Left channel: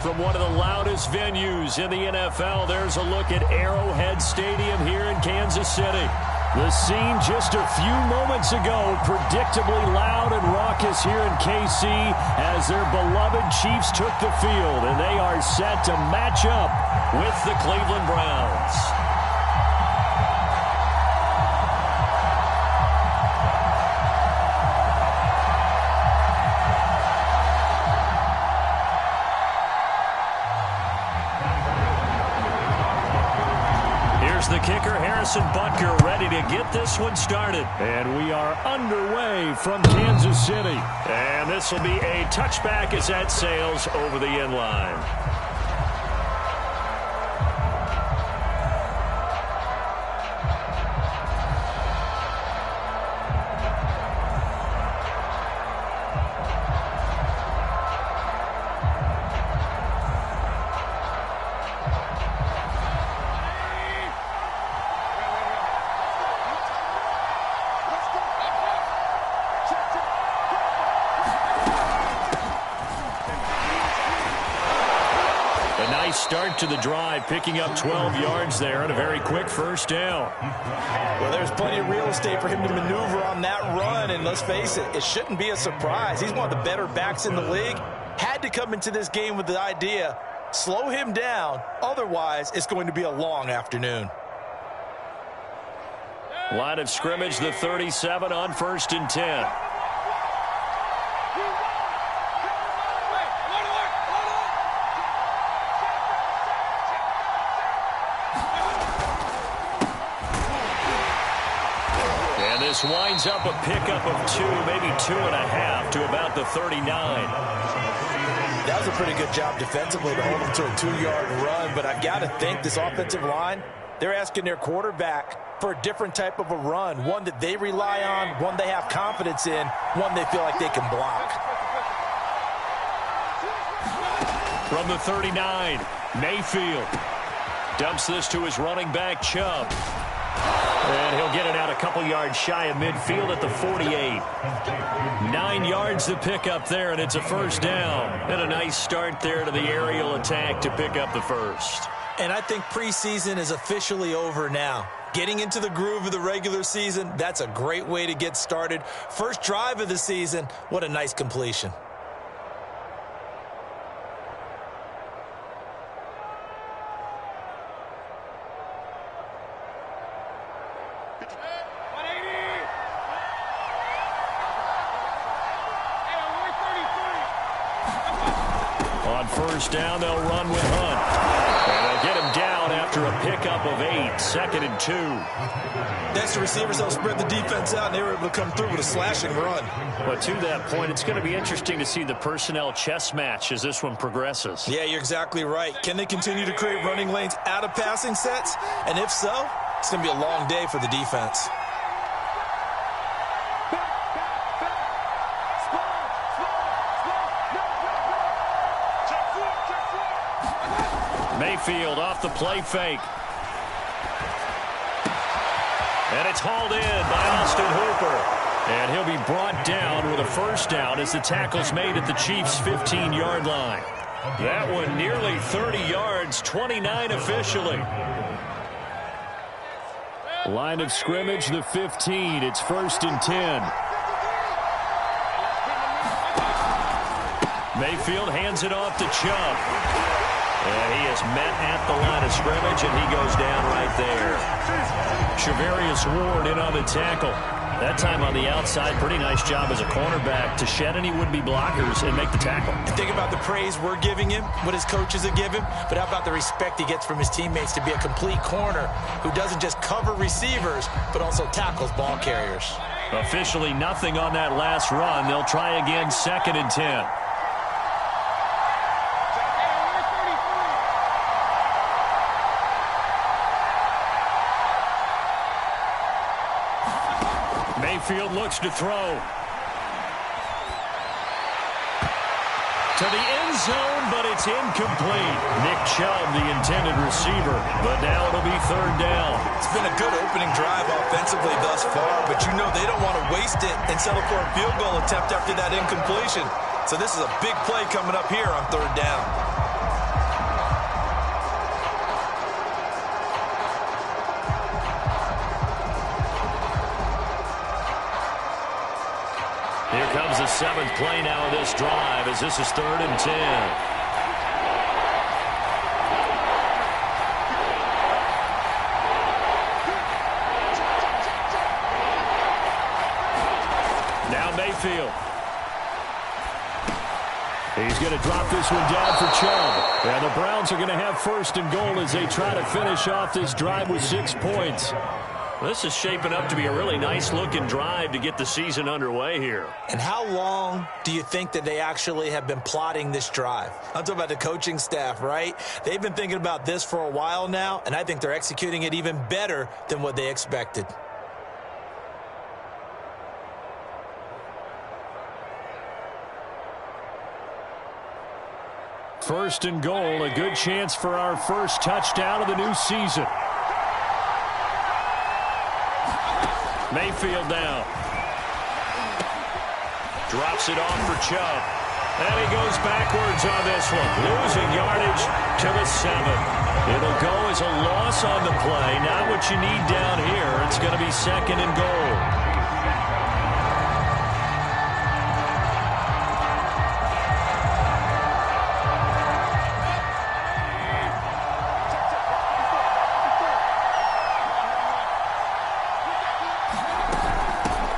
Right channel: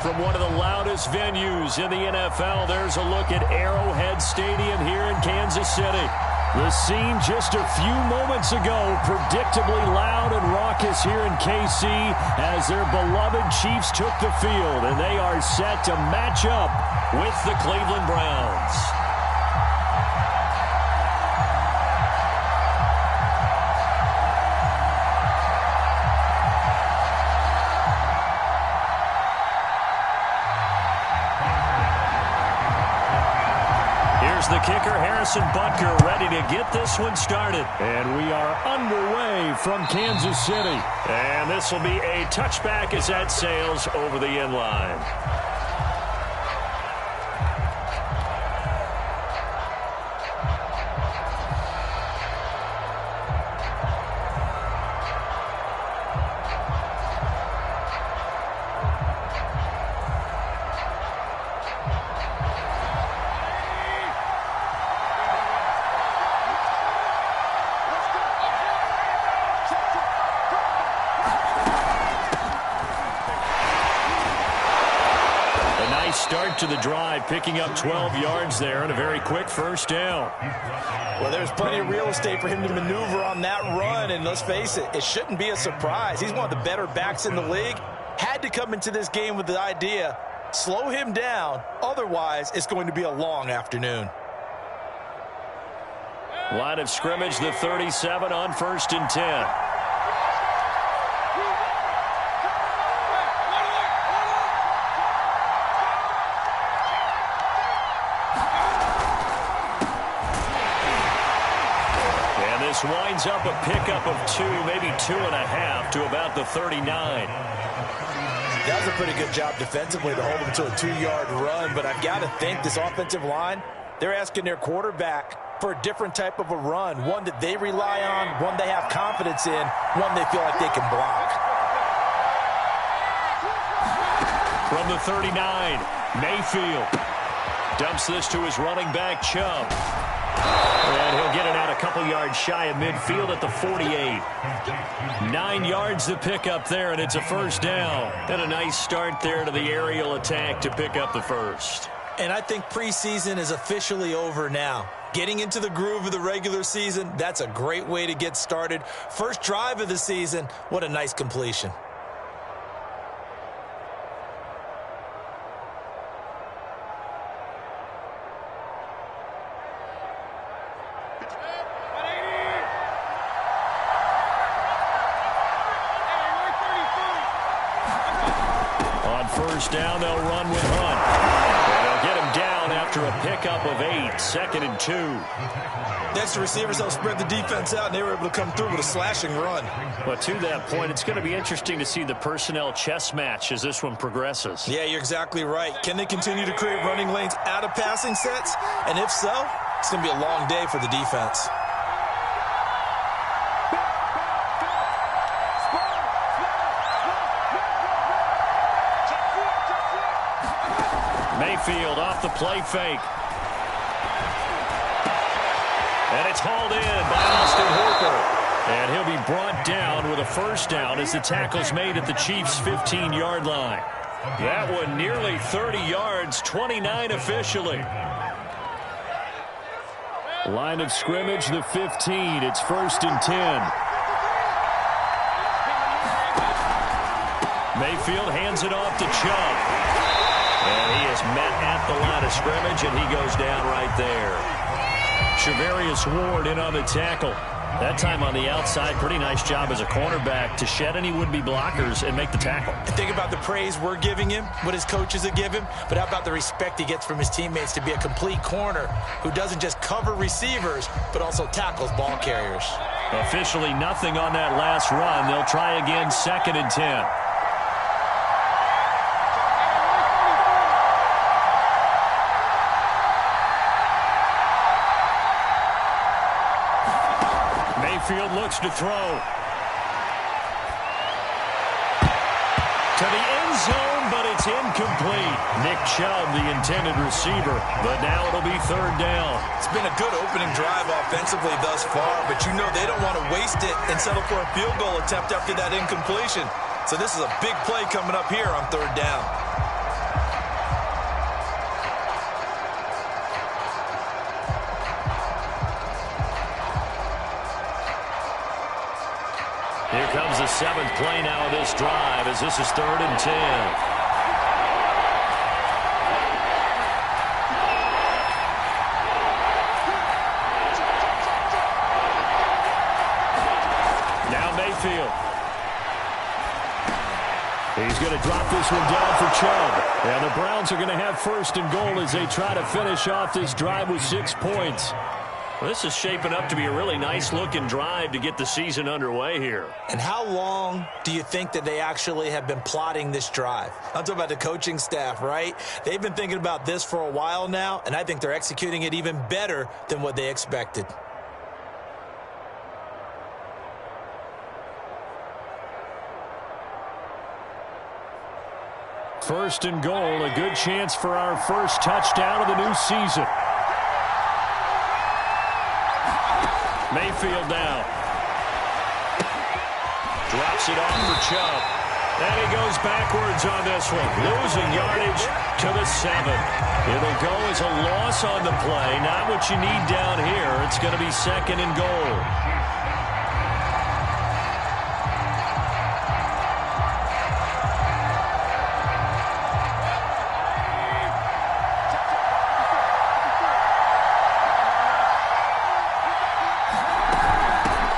From one of the loudest venues in the NFL, there's a look at Arrowhead Stadium here in Kansas City. The scene just a few moments ago, predictably loud and raucous here in KC as their beloved Chiefs took the field, and they are set to match up with the Cleveland Browns. Here's the kicker, Harrison Butker, ready to get this one started. And we are underway from Kansas City. And this will be a touchback as that sails over the end line. Start to the drive, picking up 12 yards there and a very quick first down. Well, there's plenty of real estate for him to maneuver on that run, and let's face it, it shouldn't be a surprise. He's one of the better backs in the league. Had to come into this game with the idea, slow him down, otherwise it's going to be a long afternoon. Line of scrimmage, the 37 on 1st and 10. This winds up a pickup of 2, maybe 2.5 to about the 39. That was a pretty good job defensively to hold him to a 2-yard run, but I've got to think this offensive line, they're asking their quarterback for a different type of a run, one that they rely on, one they have confidence in, one they feel like they can block. From the 39, Mayfield dumps this to his running back, Chubb. And he'll get it out a couple yards shy of midfield at the 48. 9 yards to pick up there, and it's a first down. And a nice start there to the aerial attack to pick up the first. And I think preseason is officially over now. Getting into the groove of the regular season, that's a great way to get started. First drive of the season, what a nice completion. First down, they'll run with Hunt. And they'll get him down after a pickup of 8, 2nd and 2. That's the receivers, they'll spread the defense out, and they were able to come through with a slashing run. But to that point, it's going to be interesting to see the personnel chess match as this one progresses. Yeah, you're exactly right. Can they continue to create running lanes out of passing sets? And if so, it's going to be a long day for the defense. Mayfield off the play fake. And it's hauled in by Austin Hooper. And he'll be brought down with a first down as the tackle's made at the Chiefs' 15-yard line. That one nearly 30 yards, 29 officially. Line of scrimmage, the 15. It's 1st and 10. Mayfield hands it off to Chubb. And he is met at the line of scrimmage, and he goes down right there. Shavarius Ward in on the tackle. That time on the outside, pretty nice job as a cornerback to shed any would-be blockers and make the tackle. And think about the praise we're giving him, what his coaches have given him, but how about the respect he gets from his teammates to be a complete corner who doesn't just cover receivers, but also tackles ball carriers. Officially nothing on that last run. They'll try again, 2nd and 10. Mayfield looks to throw. To the end zone, but it's incomplete. Nick Chubb, the intended receiver, but now it'll be 3rd down. It's been a good opening drive offensively thus far, but you know they don't want to waste it and settle for a field goal attempt after that incompletion. So this is a big play coming up here on 3rd down. comes the 7th play now of this drive as this is 3rd and 10. Now Mayfield. He's going to drop this one down for Chubb. And the Browns are going to have 1st and goal as they try to finish off this drive with 6 points. Well, this is shaping up to be a really nice-looking drive to get the season underway here. And how long do you think that they actually have been plotting this drive? I'm talking about the coaching staff, right? They've been thinking about this for a while now, and I think they're executing it even better than what they expected. First and goal, a good chance for our first touchdown of the new season. Mayfield now. Drops it off for Chubb. And he goes backwards on this one. Losing yardage to the 7. It'll go as a loss on the play. Not what you need down here. It's going to be 2nd and goal.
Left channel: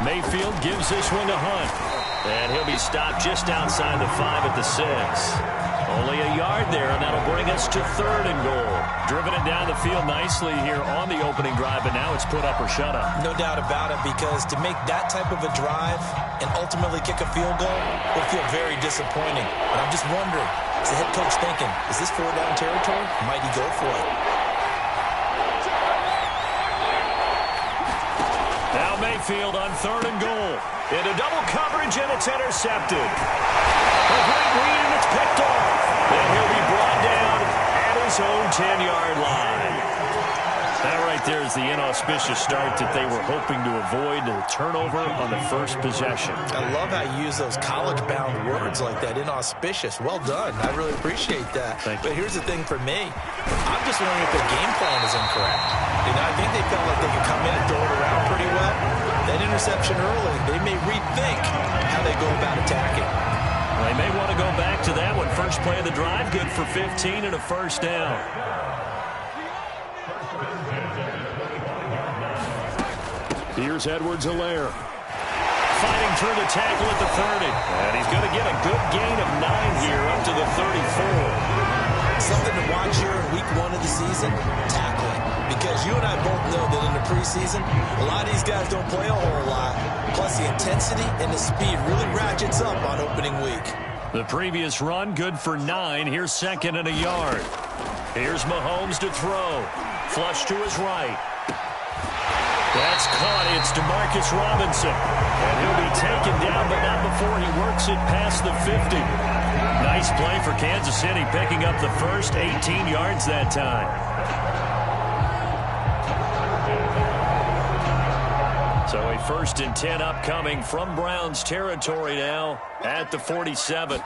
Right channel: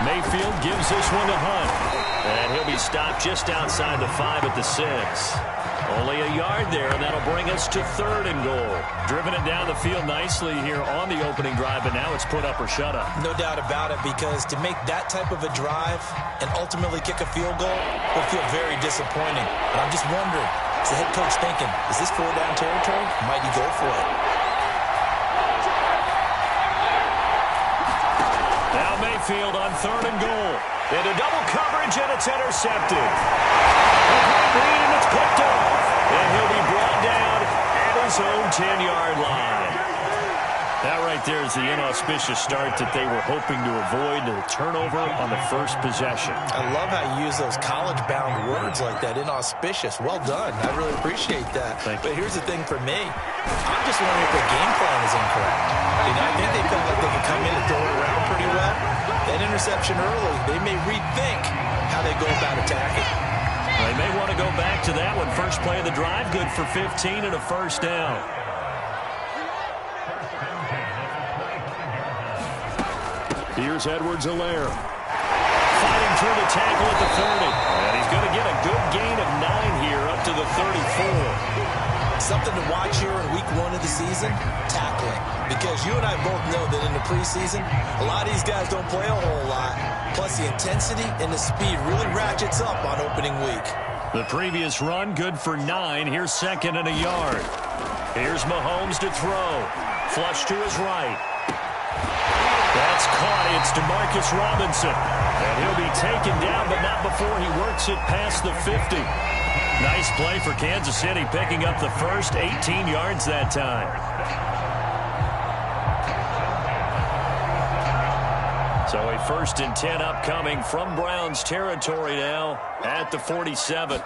Mayfield gives this one to Hunt. And he'll be stopped just outside the 5 at the 6. Only a yard there, and that'll bring us to 3rd and goal. Driven it down the field nicely here on the opening drive, but now it's put up or shut up. No doubt about it, because to make that type of a drive and ultimately kick a field goal will feel very disappointing. But I'm just wondering, is the head coach thinking, is this 4-down territory? Might he go for it? Now Mayfield on 3rd and goal. Into double coverage, and it's intercepted. A great read, and it's picked off. And he'll be brought down at his own 10-yard line. That right there is the inauspicious start that they were hoping to avoid, the turnover on the first possession. I love how you use those college-bound words like that, inauspicious. Well done. I really appreciate that. Thank you. But here's the thing for me. I'm just wondering if their game plan is incorrect. You know, I think they felt like they could come in and throw it around pretty well. That interception early, they may rethink how they go about attacking. They may want to go back to that one. First play of the drive, good for 15 and a 1st down. Here's Edwards-Helaire. Fighting through the tackle at the 30. And he's going to get a good gain of 9 here up to the 34. Something to watch here in week 1 of the season, tackling. Because you and I both know that in the preseason, a lot of these guys don't play a whole lot. Plus, the intensity and the speed really ratchets up on opening week. The previous run, good for 9. Here's 2nd and a yard. Here's Mahomes to throw. Flush to his right. That's caught. It's DeMarcus Robinson. And he'll be taken down, but not before he works it past the 50. Nice play for Kansas City, picking up the first 18 yards that time. So a 1st and 10 upcoming from Browns territory now at the 47.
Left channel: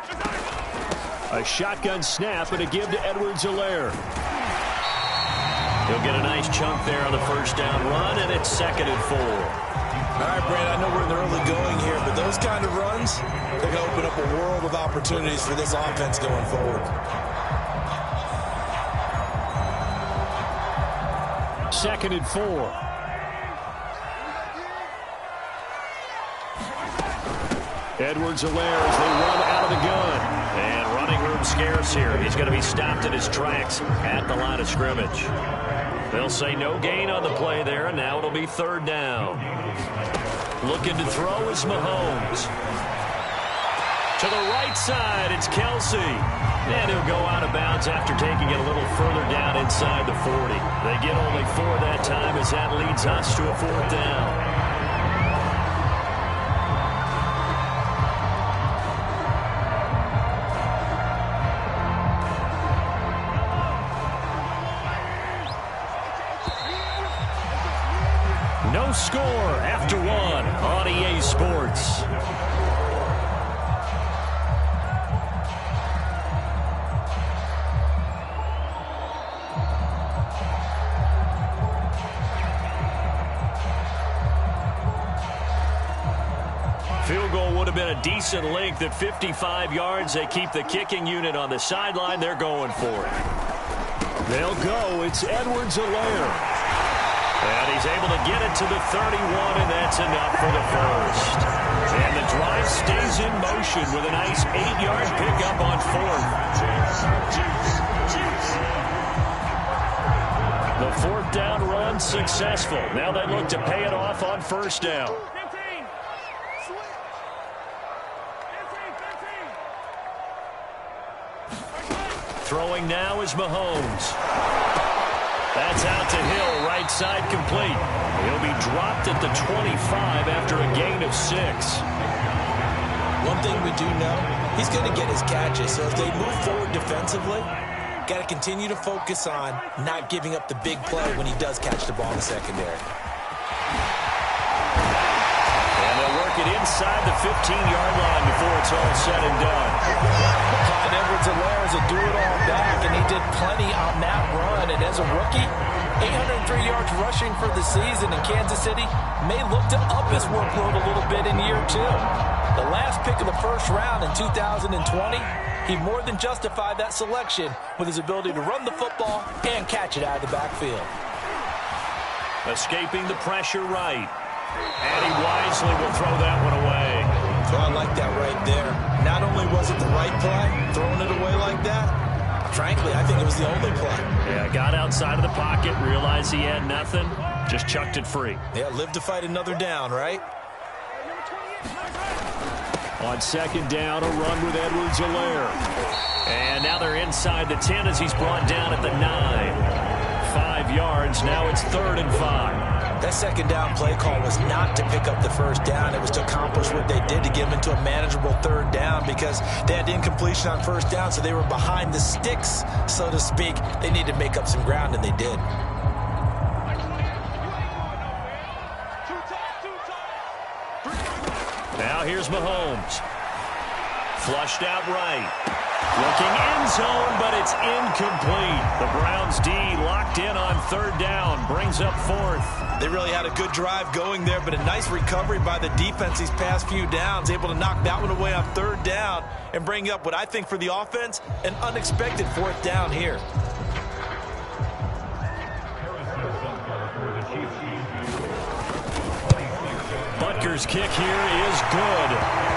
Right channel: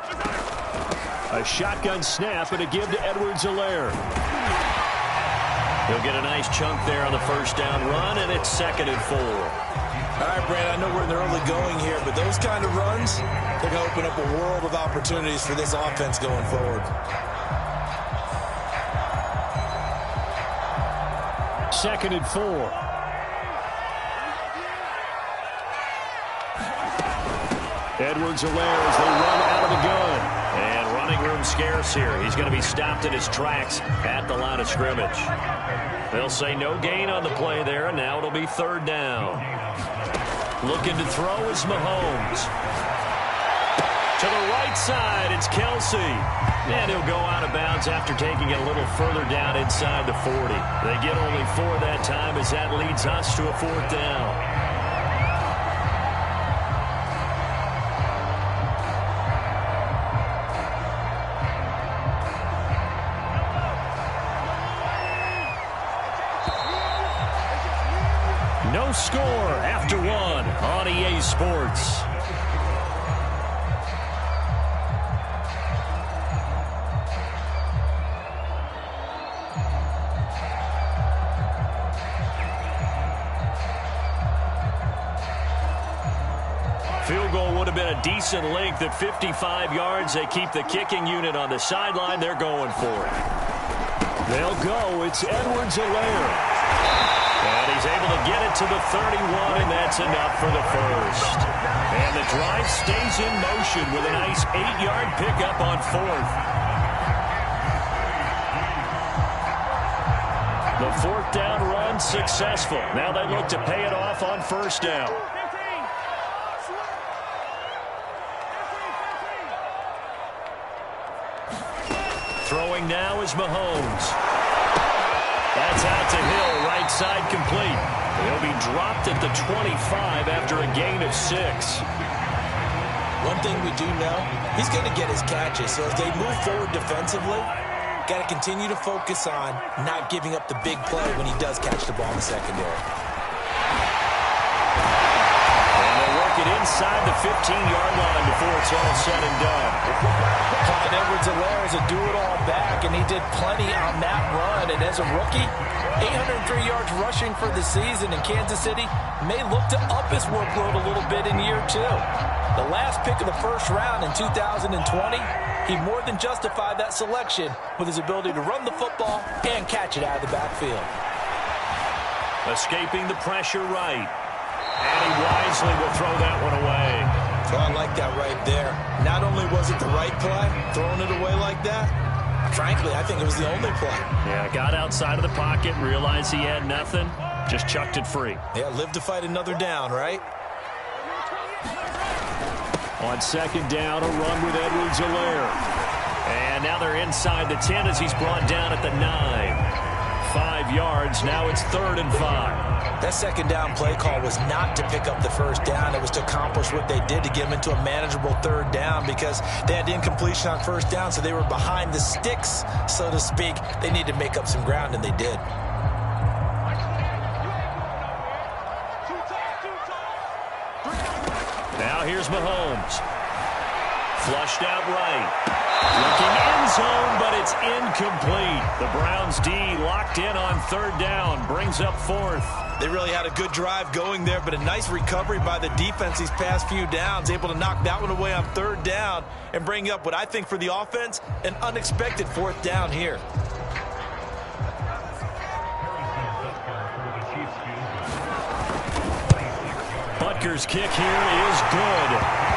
A shotgun snap and a give to Edwards-Helaire. He'll get a nice chunk there on the 1st down run, and it's 2nd and 4. All right, Brand, I know we're in the early going here, but those kind of runs, they're going to open up a world of opportunities for this offense going forward. 2nd and 4. Edwards-Helaire as they run out of the gun. And running room scarce here. He's going to be stopped in his tracks at the line of scrimmage. They'll say no gain on the play there, and now it'll be 3rd down. Looking to throw is Mahomes. To the right side, it's Kelsey. And he'll go out of bounds after taking it a little further down inside the 40. They get only 4 that time as that leads us to a 4th down. No score after 1 on EA Sports. Field goal would have been a decent length at 55 yards. They keep the kicking unit on the sideline. They're going for it. They'll go. It's Edwards-Helaire. And he's able to get it to the 31, and that's enough for the first. And the drive stays in motion with a nice 8-yard pickup on fourth. The fourth down run successful. Now they look to pay it off on first down. Throwing now is Mahomes. That's out to Hill, right side complete. He'll be dropped at the 25 after a gain of 6. One thing we do know, he's going to get his catches. So as they move forward defensively, got to continue to focus on not giving up the big play when he does catch the ball in the secondary. And they'll work it inside the 15-yard line before it's all said and done. Clyde Edwards-Helaire is a do-it-all back, and he did plenty on that run. And as a rookie, 803 yards rushing for the season, and Kansas City may look to up his workload a little bit in year 2. The last pick of the first round in 2020, he more than justified that selection with his ability to run the football and catch it out of the backfield. Escaping the pressure right. And he wisely will throw that one away. So I like that right there. Not only was it the right play, throwing it away like that, frankly, I think it was the only play. Yeah, got outside of the pocket, realized he had nothing, just chucked it free. Yeah, live to fight another down, right? On second down, a run with Edwards-Helaire. And now they're inside the 10 as he's brought down at the 9. 5 yards, now it's 3rd and 5. That second down play call was not to pick up the first down. It was to accomplish what they did to get them into a manageable 3rd down because they had incompletion on first down, so they were behind the sticks, so to speak. They needed to make up some ground, and they did. Now here's Mahomes. Flushed out right. Looking end zone, but it's incomplete. The Browns D locked in on 3rd down. Brings up 4th. They really had a good drive going there, but a nice recovery by the defense these past few downs. Able to knock that one away on 3rd down and bring up what I think for the offense, an unexpected 4th down here. Butker's kick here is good.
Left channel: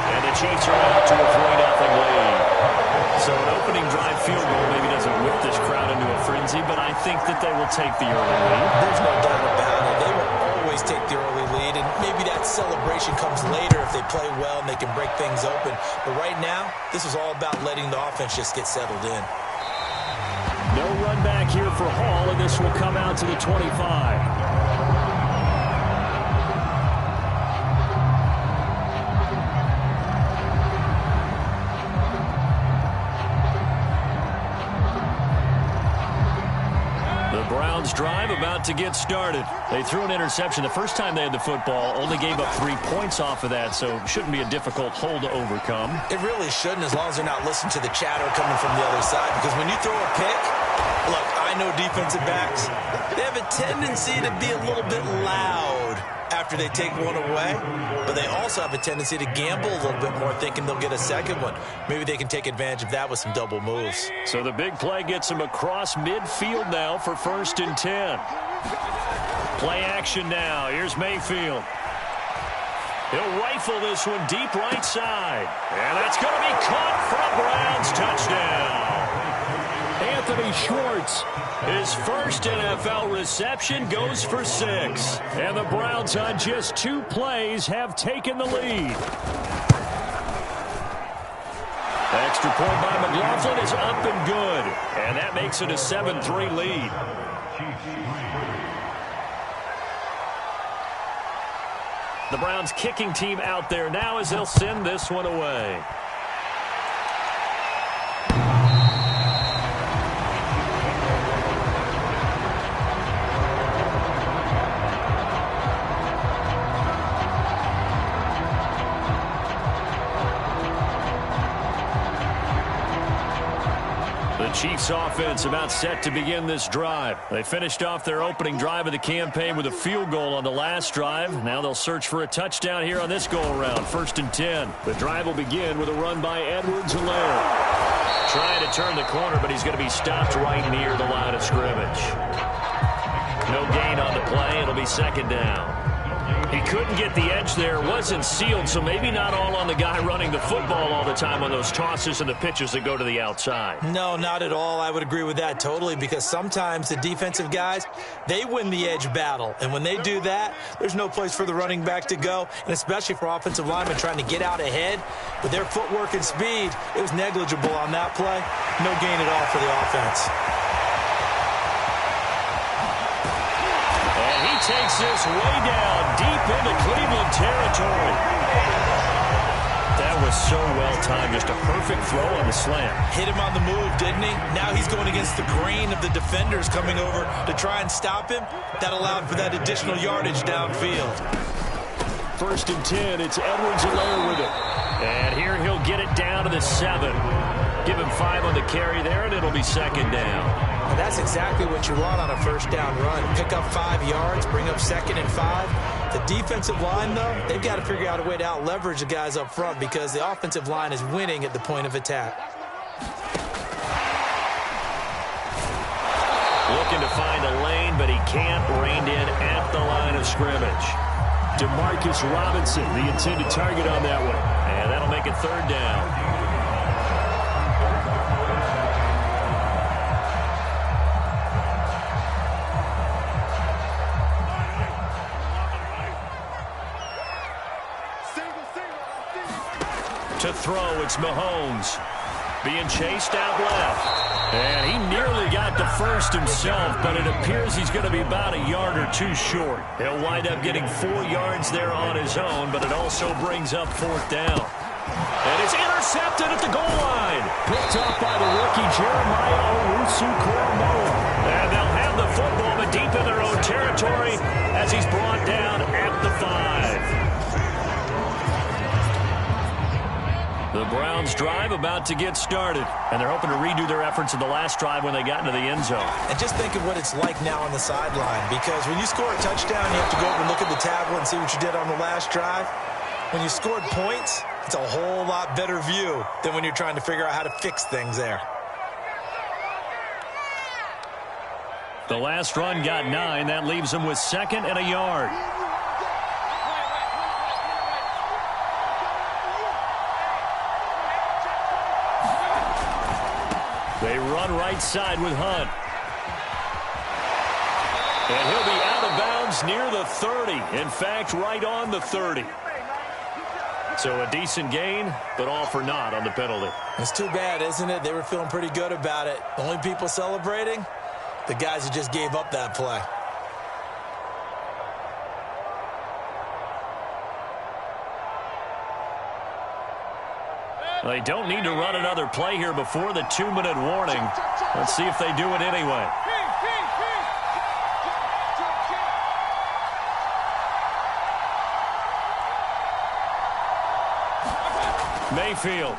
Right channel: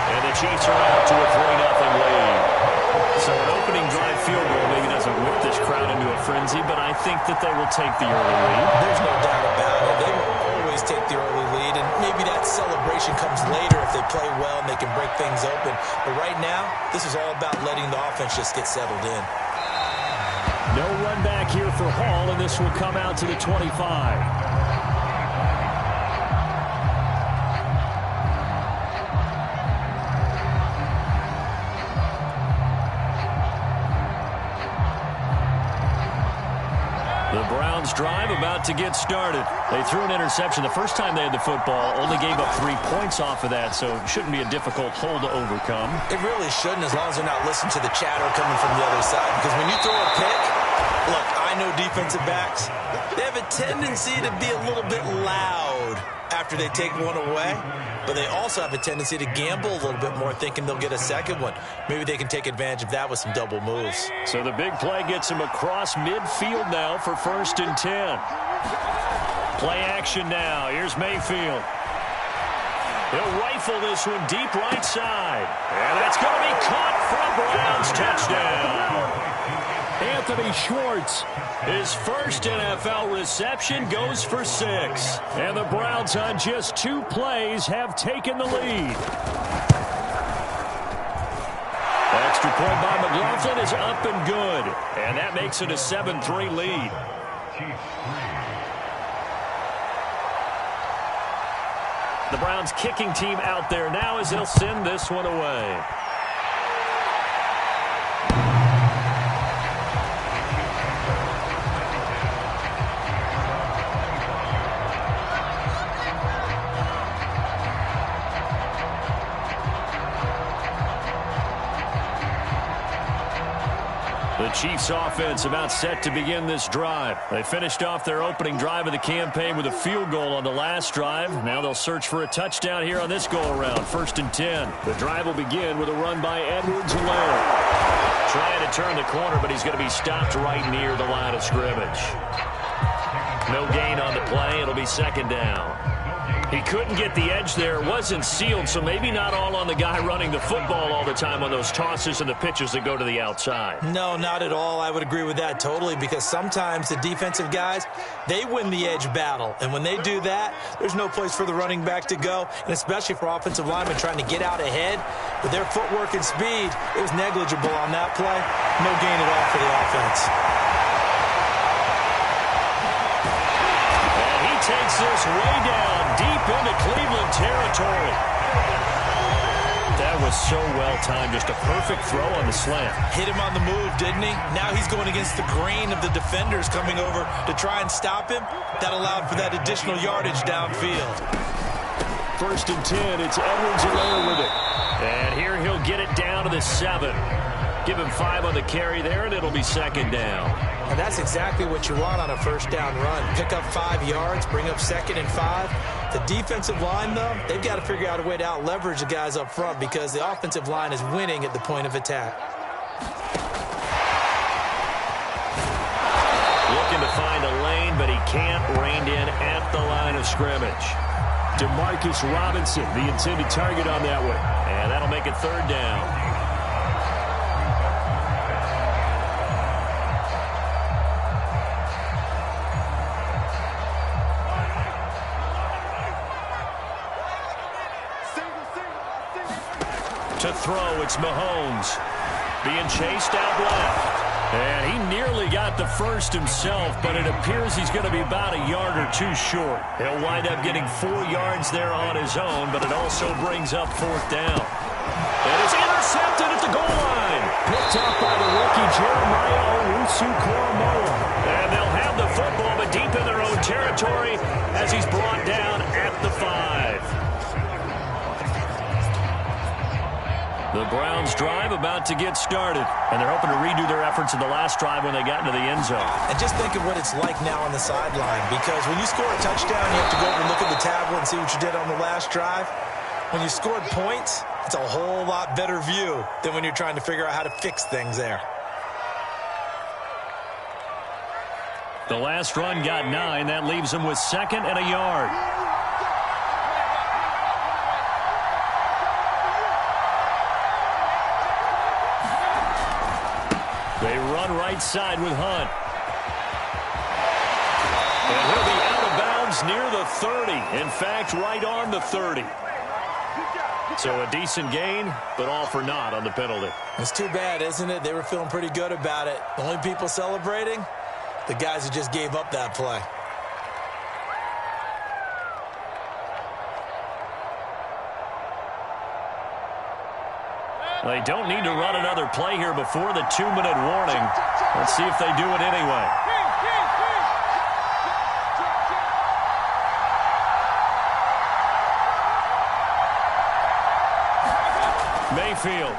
And the Chiefs are out to a 3-0 lead. So an opening drive field goal maybe doesn't whip this crowd into a frenzy, but I think that they will take the early lead. There's no doubt about it. They will always take the early lead, and maybe that celebration comes later if they play well and they can break things open. But right now, this is all about letting the offense just get settled in. No run back here for Hall, and this will come out to the 25. The Browns drive about to get started. They threw an interception the first time they had the football, only gave up 3 points off of that, so it shouldn't be a difficult hole to overcome. It really shouldn't, as long as they're not listening to the chatter coming from the other side, because when you throw a pick, look, I know defensive backs, they have a tendency to be a little bit loud after they take one away, but they also have a tendency to gamble a little bit more, thinking they'll get a second one. Maybe they can take advantage of that with some double moves. So the big play gets him across midfield now for 1st and 10. Play action now. Here's Mayfield. He'll rifle this one deep right side. And that's going to be caught for a Browns touchdown. Anthony Schwartz, his first NFL reception, goes for 6. And the Browns on just 2 plays have taken the lead. Extra point by McLaughlin is up and good. And that makes it a 7-3 lead. The Browns kicking team out there now as they'll send this one away. The The Chiefs offense about set to begin this drive. They finished off their opening drive of the campaign with a field goal on the last drive. Now they'll search for a touchdown here on this go-around. 1st and 10. The drive will begin with a run by Edwards-Helaire. Trying to turn the corner, but he's going to be stopped right near the line of scrimmage. No gain on the play. It'll be 2nd down. He couldn't get the edge there. Wasn't sealed, so maybe not all on the guy running the football all the time on those tosses and the pitches that go to the outside. No, not at all. I would agree with that totally, because sometimes the defensive guys, they win the edge battle. And when they do that, there's no place for the running back to go, and especially for offensive linemen trying to get out ahead. With their footwork and speed, it was negligible on that play. No gain at all for the offense. And he takes this way down deep into Cleveland territory. That was so well timed. Just a perfect throw on the slant. Hit him on the move, didn't he? Now he's going against the grain of the defenders coming over to try and stop him. That allowed for that additional yardage downfield. 1st and 10. It's Edwards-Helaire with it. And here he'll get it down to the 7. Give him 5 on the carry there, and it'll be 2nd down. And that's exactly what you want on a 1st down run. Pick up 5 yards, bring up 2nd and 5. The defensive line, though, they've got to figure out a way to out-leverage the guys up front because the offensive line is winning at the point of attack. Looking to find a lane, but he can't. Reined in at the line of scrimmage. Demarcus Robinson, the intended target on that one. And that'll make it 3rd down. To throw, it's Mahomes. Being chased out left. And he nearly got the first himself, but it appears he's going to be about a yard or 2 short. He'll wind up getting 4 yards there on his own, but it also brings up 4th down. And it's intercepted at the goal line. Picked up by the rookie Jeremiah Owusu-Koramoah. And they'll have the football, but deep in their own territory as he's brought down at the 5. The Browns drive about to get started, and they're hoping to redo their efforts in the last drive when they got into the end zone. And just think of what it's like now on the sideline, because when you score a touchdown, you have to go over and look at the tablet and see what you did on the last drive. When you scored points, it's a whole lot better view than when you're trying to figure out how to fix things there. The last run got 9. That leaves them with 2nd and a yard. They run right side with Hunt. And he'll be out of bounds near the 30. In fact, right on the 30. So a decent gain, but all for naught on the penalty. It's too bad, isn't it? They were feeling pretty good about it. The only people celebrating, the guys who just gave up that play. They don't need to run another play here before the 2-minute warning. Let's see if they do it anyway. Mayfield.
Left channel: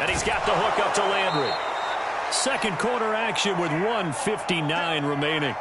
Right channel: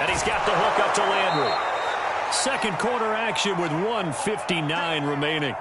And he's got the hook up to Landry. Second quarter action with 1:59 remaining.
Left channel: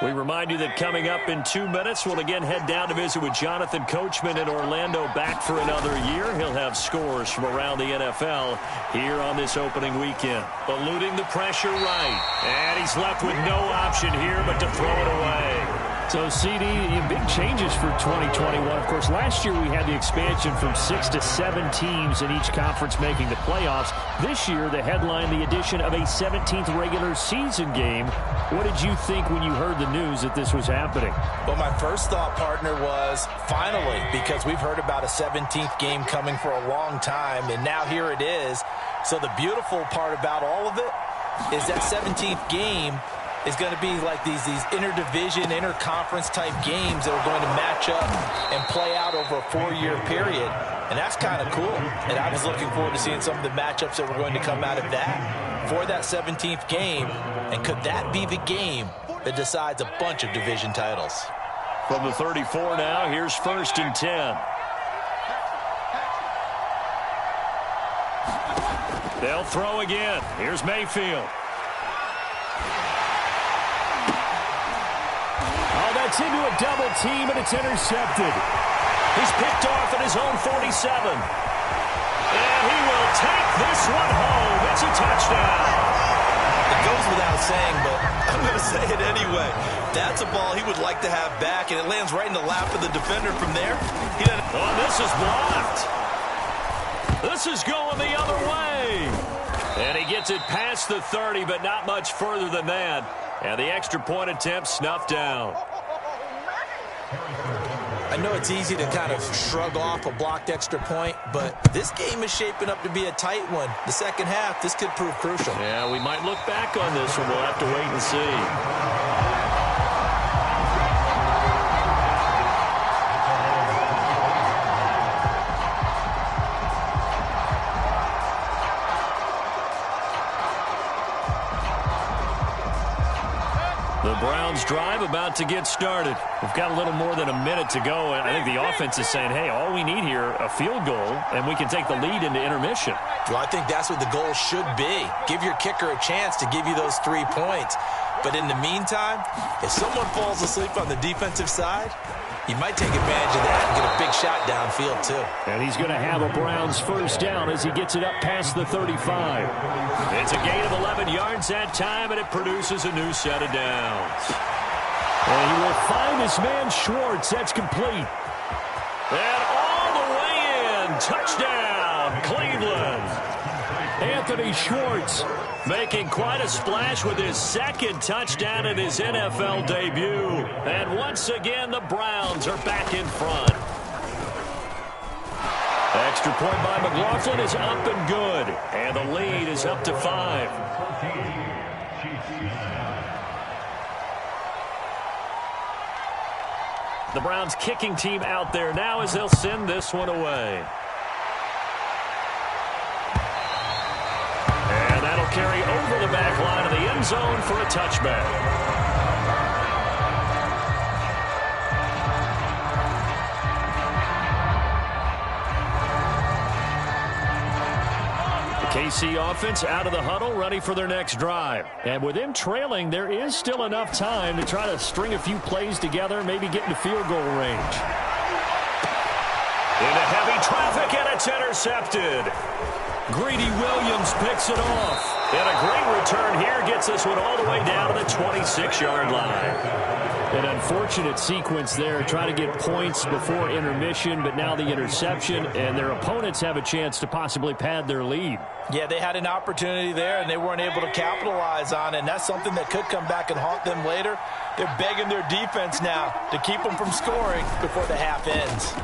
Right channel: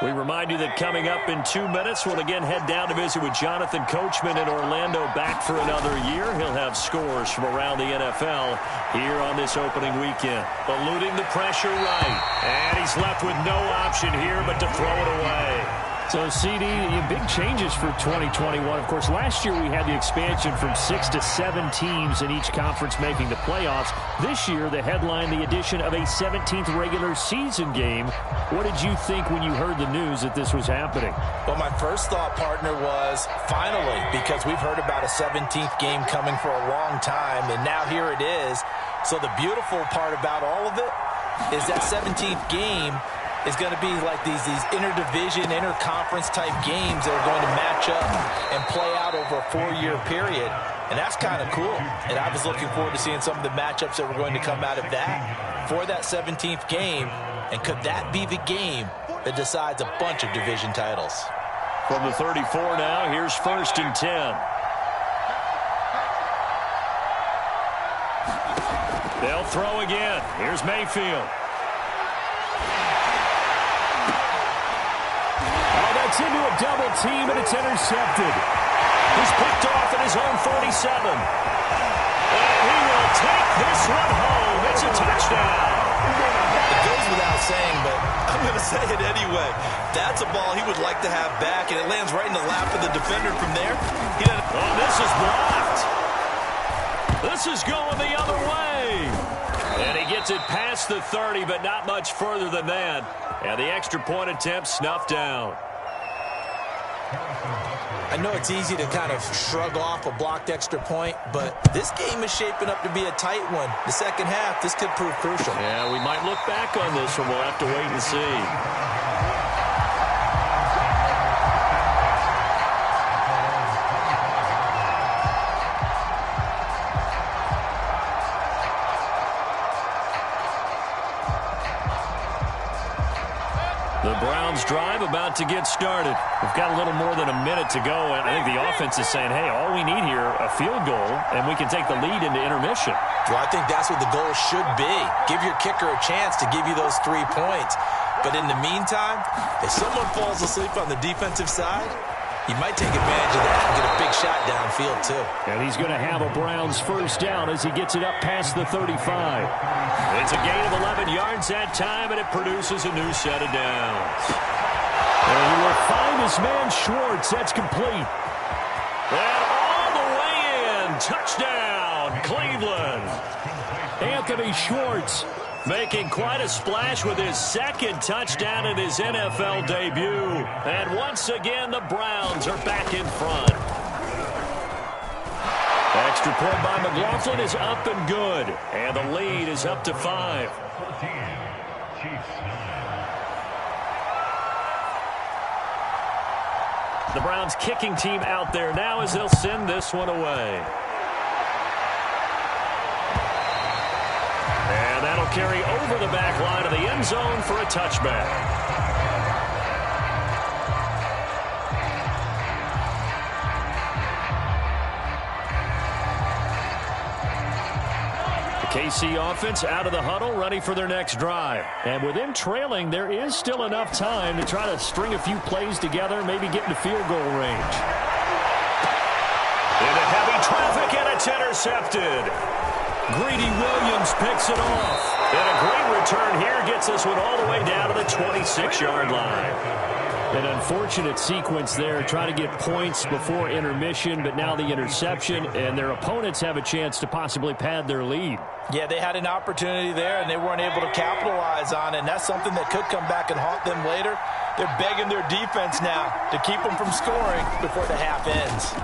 We remind you that coming up in 2 minutes, we'll again head down to visit with Jonathan Coachman in Orlando, back for another year. He'll have scores from around the NFL here on this opening weekend. Eluding the pressure right. And he's left with no option here but to throw it away. So, CD, big changes for 2021. Of course, last year we had the expansion from 6 to 7 teams in each conference making the playoffs. This year, the headline, the addition of a 17th regular season game. What did you think when you heard the news that this was happening? Well, my first thought, partner, was finally, because we've heard about a 17th game coming for a long time, and now here it is. So the beautiful part about all of it is that 17th game is going to be like these interdivision, interconference type games that are going to match up and play out over a 4-year period. And that's kind of cool. And I was looking forward to seeing some of the matchups that were going to come out of that for that 17th game. And could that be the game that decides a bunch of division titles? From the 34 now, here's 1st and 10. They'll throw again. Here's Mayfield. Oh, that's into a double team, and it's intercepted. He's picked off at his own 47. And he will take this one home. It's a touchdown. It goes without saying, but I'm going to say it anyway. That's a ball he would like to have back, and it lands right in the lap of the defender from there. Oh, this is blocked. This is going the other way. And he gets it past the 30, but not much further than that. And the extra point attempt snuffed down. I know it's easy to kind of shrug off a blocked extra point, but this game is shaping up to be a tight one. The second half, this could prove crucial. Yeah, we might look back on this one. We'll have to wait and see. The Browns drive about to get started. We've got a little more than a minute to go, and I think the offense is saying, hey, all we need here, a field goal, and we can take the lead into intermission. Well, I think that's what the goal should be. Give your kicker a chance to give you those 3 points. But in the meantime, if someone falls asleep on the defensive side, you might take advantage of that and get a big shot downfield, too. And he's going to have a Browns first down as he gets it up past the 35. It's a gain of 11 yards that time, and it produces a new set of downs. And he will find his man Schwartz. That's complete. And all the way in. Touchdown, Cleveland. Anthony Schwartz making quite a splash with his second touchdown in his NFL debut. And once again, the Browns are back in front. Extra point by McLaughlin is up and good. And the lead is up to 5. The Browns kicking team out there now as they'll send this one away. And that'll carry over the back line of the end zone for a touchback. The KC offense out of the huddle, ready for their next drive. And with them trailing, there is still enough time to try to string a few plays together, maybe get into field goal range. Into heavy traffic, and it's intercepted. Greedy Williams picks it off. And a great return here gets this one all the way down to the 26-yard line. An unfortunate sequence there, trying to get points before intermission, but now the interception, and their opponents have a chance to possibly pad their lead. Yeah, they had an opportunity there, and they weren't able to capitalize on it, and that's something that could come back and haunt them later. They're begging their defense now to keep them from scoring before the half ends.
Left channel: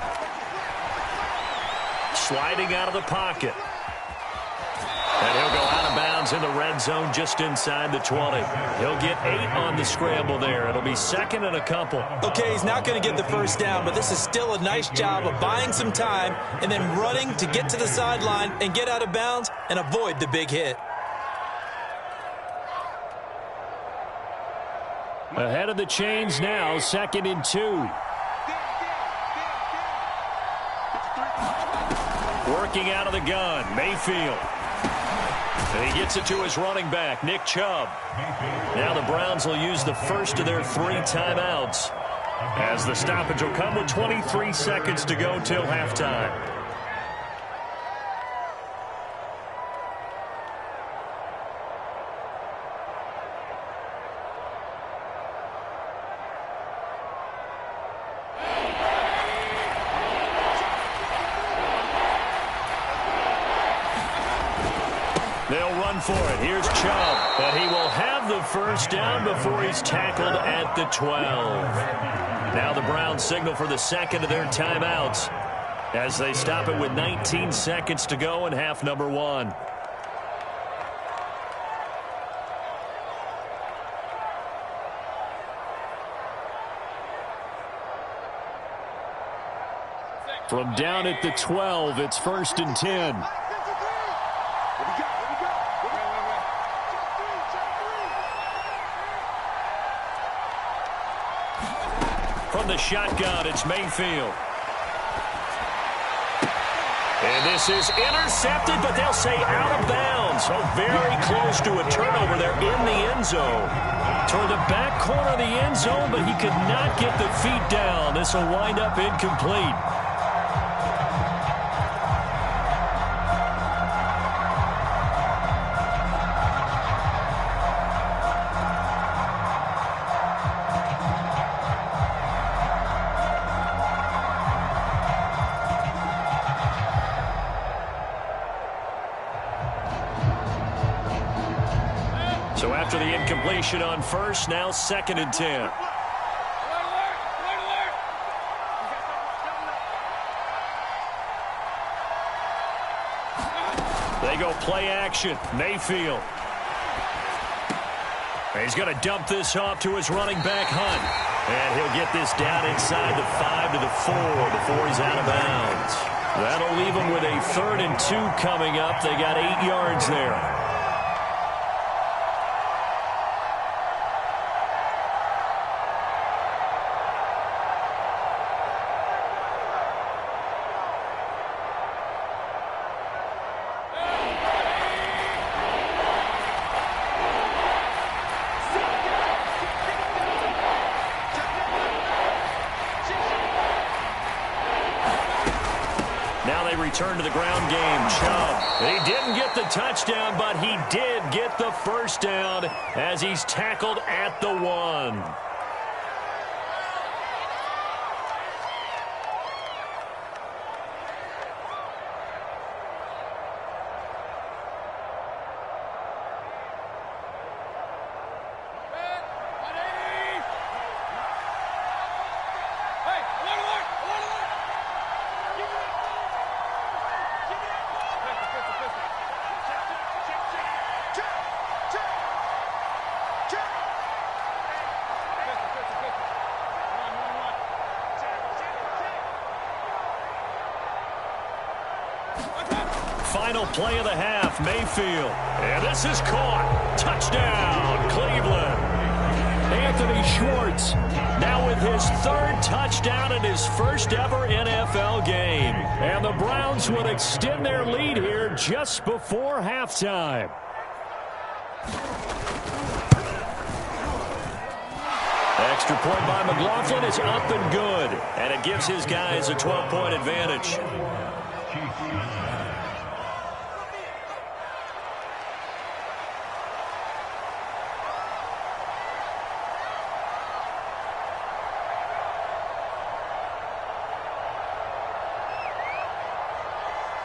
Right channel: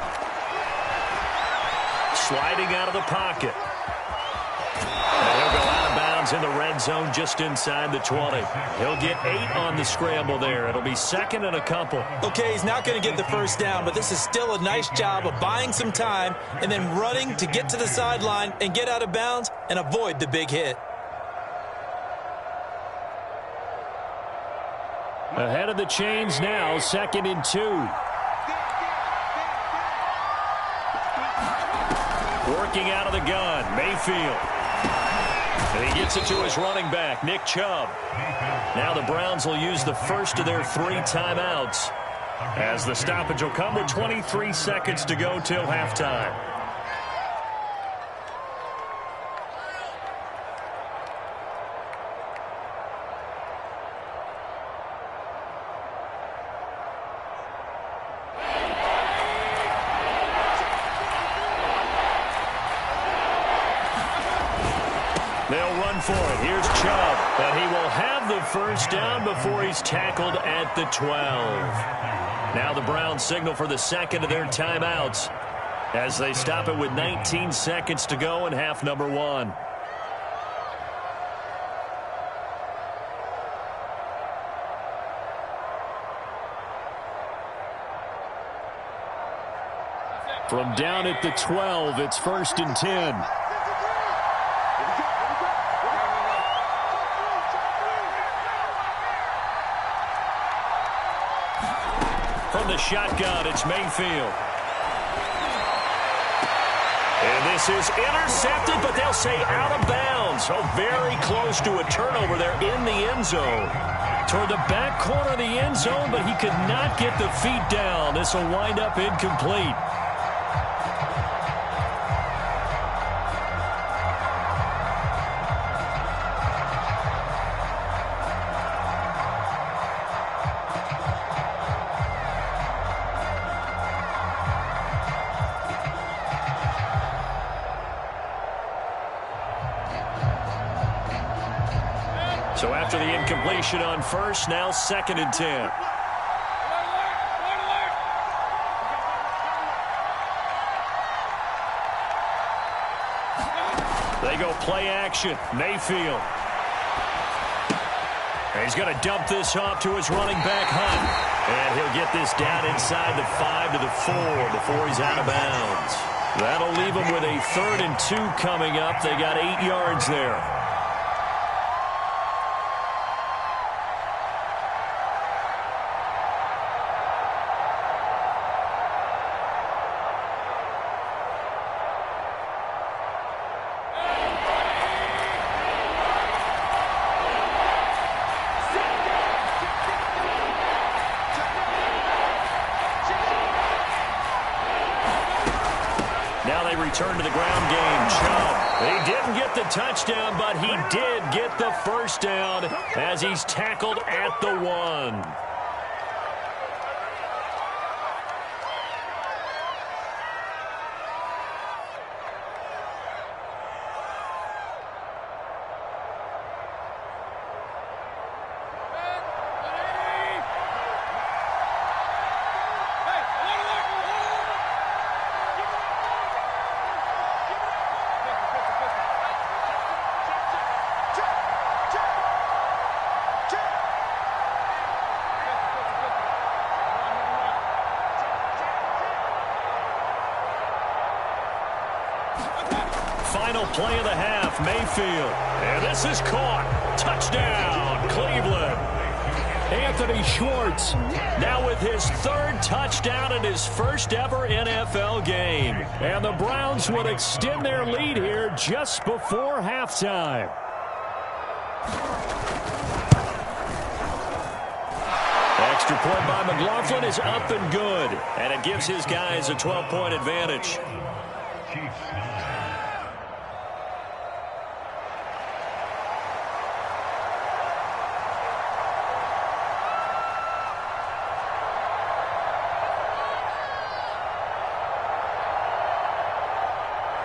Sliding out of the pocket. And he'll go out of bounds in the red zone just inside the 20. He'll get 8 on the scramble there. It'll be second and a couple. Okay, he's not going to get the first down, but this is still a nice job of buying some time and then running to get to the sideline and get out of bounds and avoid the big hit. Ahead of the chains now, 2nd and 2. Working out of the gun, Mayfield. And he gets it to his running back, Nick Chubb. Now the Browns will use the first of their 3 timeouts, as the stoppage will come with 23 seconds to go till halftime. They'll run for it. Here's Chubb. And he will have the first down before he's tackled at the 12. Now the Browns signal for the second of their timeouts as they stop it with 19 seconds to go in half number 1. From down at the 12, it's 1st and 10. From the shotgun, it's Mayfield. And this is intercepted, but they'll say out of bounds. So very close to a turnover there in the end zone. Toward the back corner of the end zone, but he could not get the feet down. This will wind up incomplete. So after the incompletion on first, now 2nd and 10. They go play action. Mayfield. He's going to dump this off to his running back, Hunt. And he'll get this down inside the 5 to the 4 before he's out of bounds. That'll leave him with a 3rd and 2 coming up. They got 8 yards there. Now they return to the ground game. Chubb. He didn't get the touchdown, but he did get the first down as he's tackled at the 1. Final play of the half, Mayfield. And this is caught. Touchdown, Cleveland. Anthony Schwartz now with his 3rd touchdown in his first ever NFL game. And the Browns would extend their lead here just before halftime. Extra point by McLaughlin is up and good. And it gives his guys a 12-point advantage.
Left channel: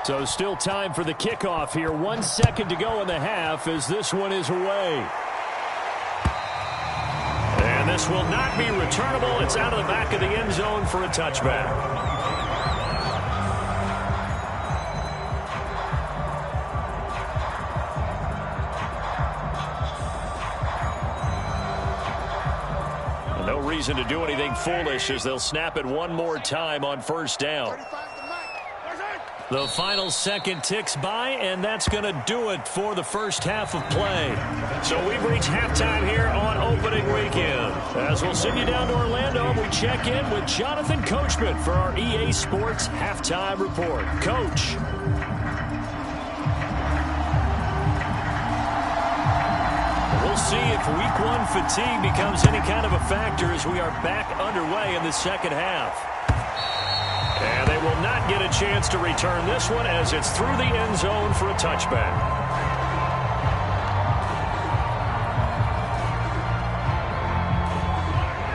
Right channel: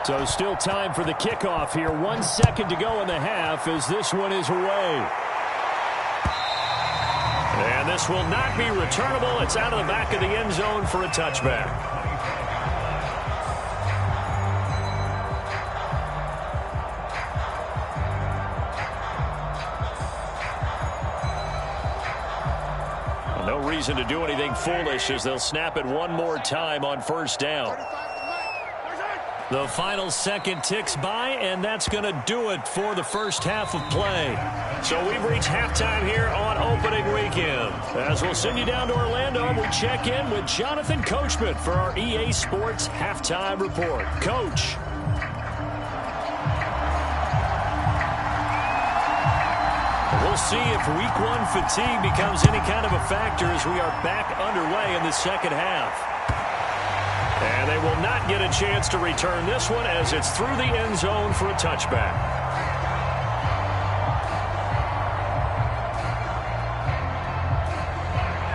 So still time for the kickoff here. 1 second to go in the half as this one is away. And this will not be returnable. It's out of the back of the end zone for a touchback. Well, no reason to do anything foolish as they'll snap it one more time on first down. The final second ticks by, and that's going to do it for the first half of play. So we've reached halftime here on opening weekend. As we'll send you down to Orlando, we check in with Jonathan Coachman for our EA Sports Halftime Report. Coach. We'll see if week 1 fatigue becomes any kind of a factor as we are back underway in the second half. And they will not get a chance to return this one as it's through the end zone for a touchback.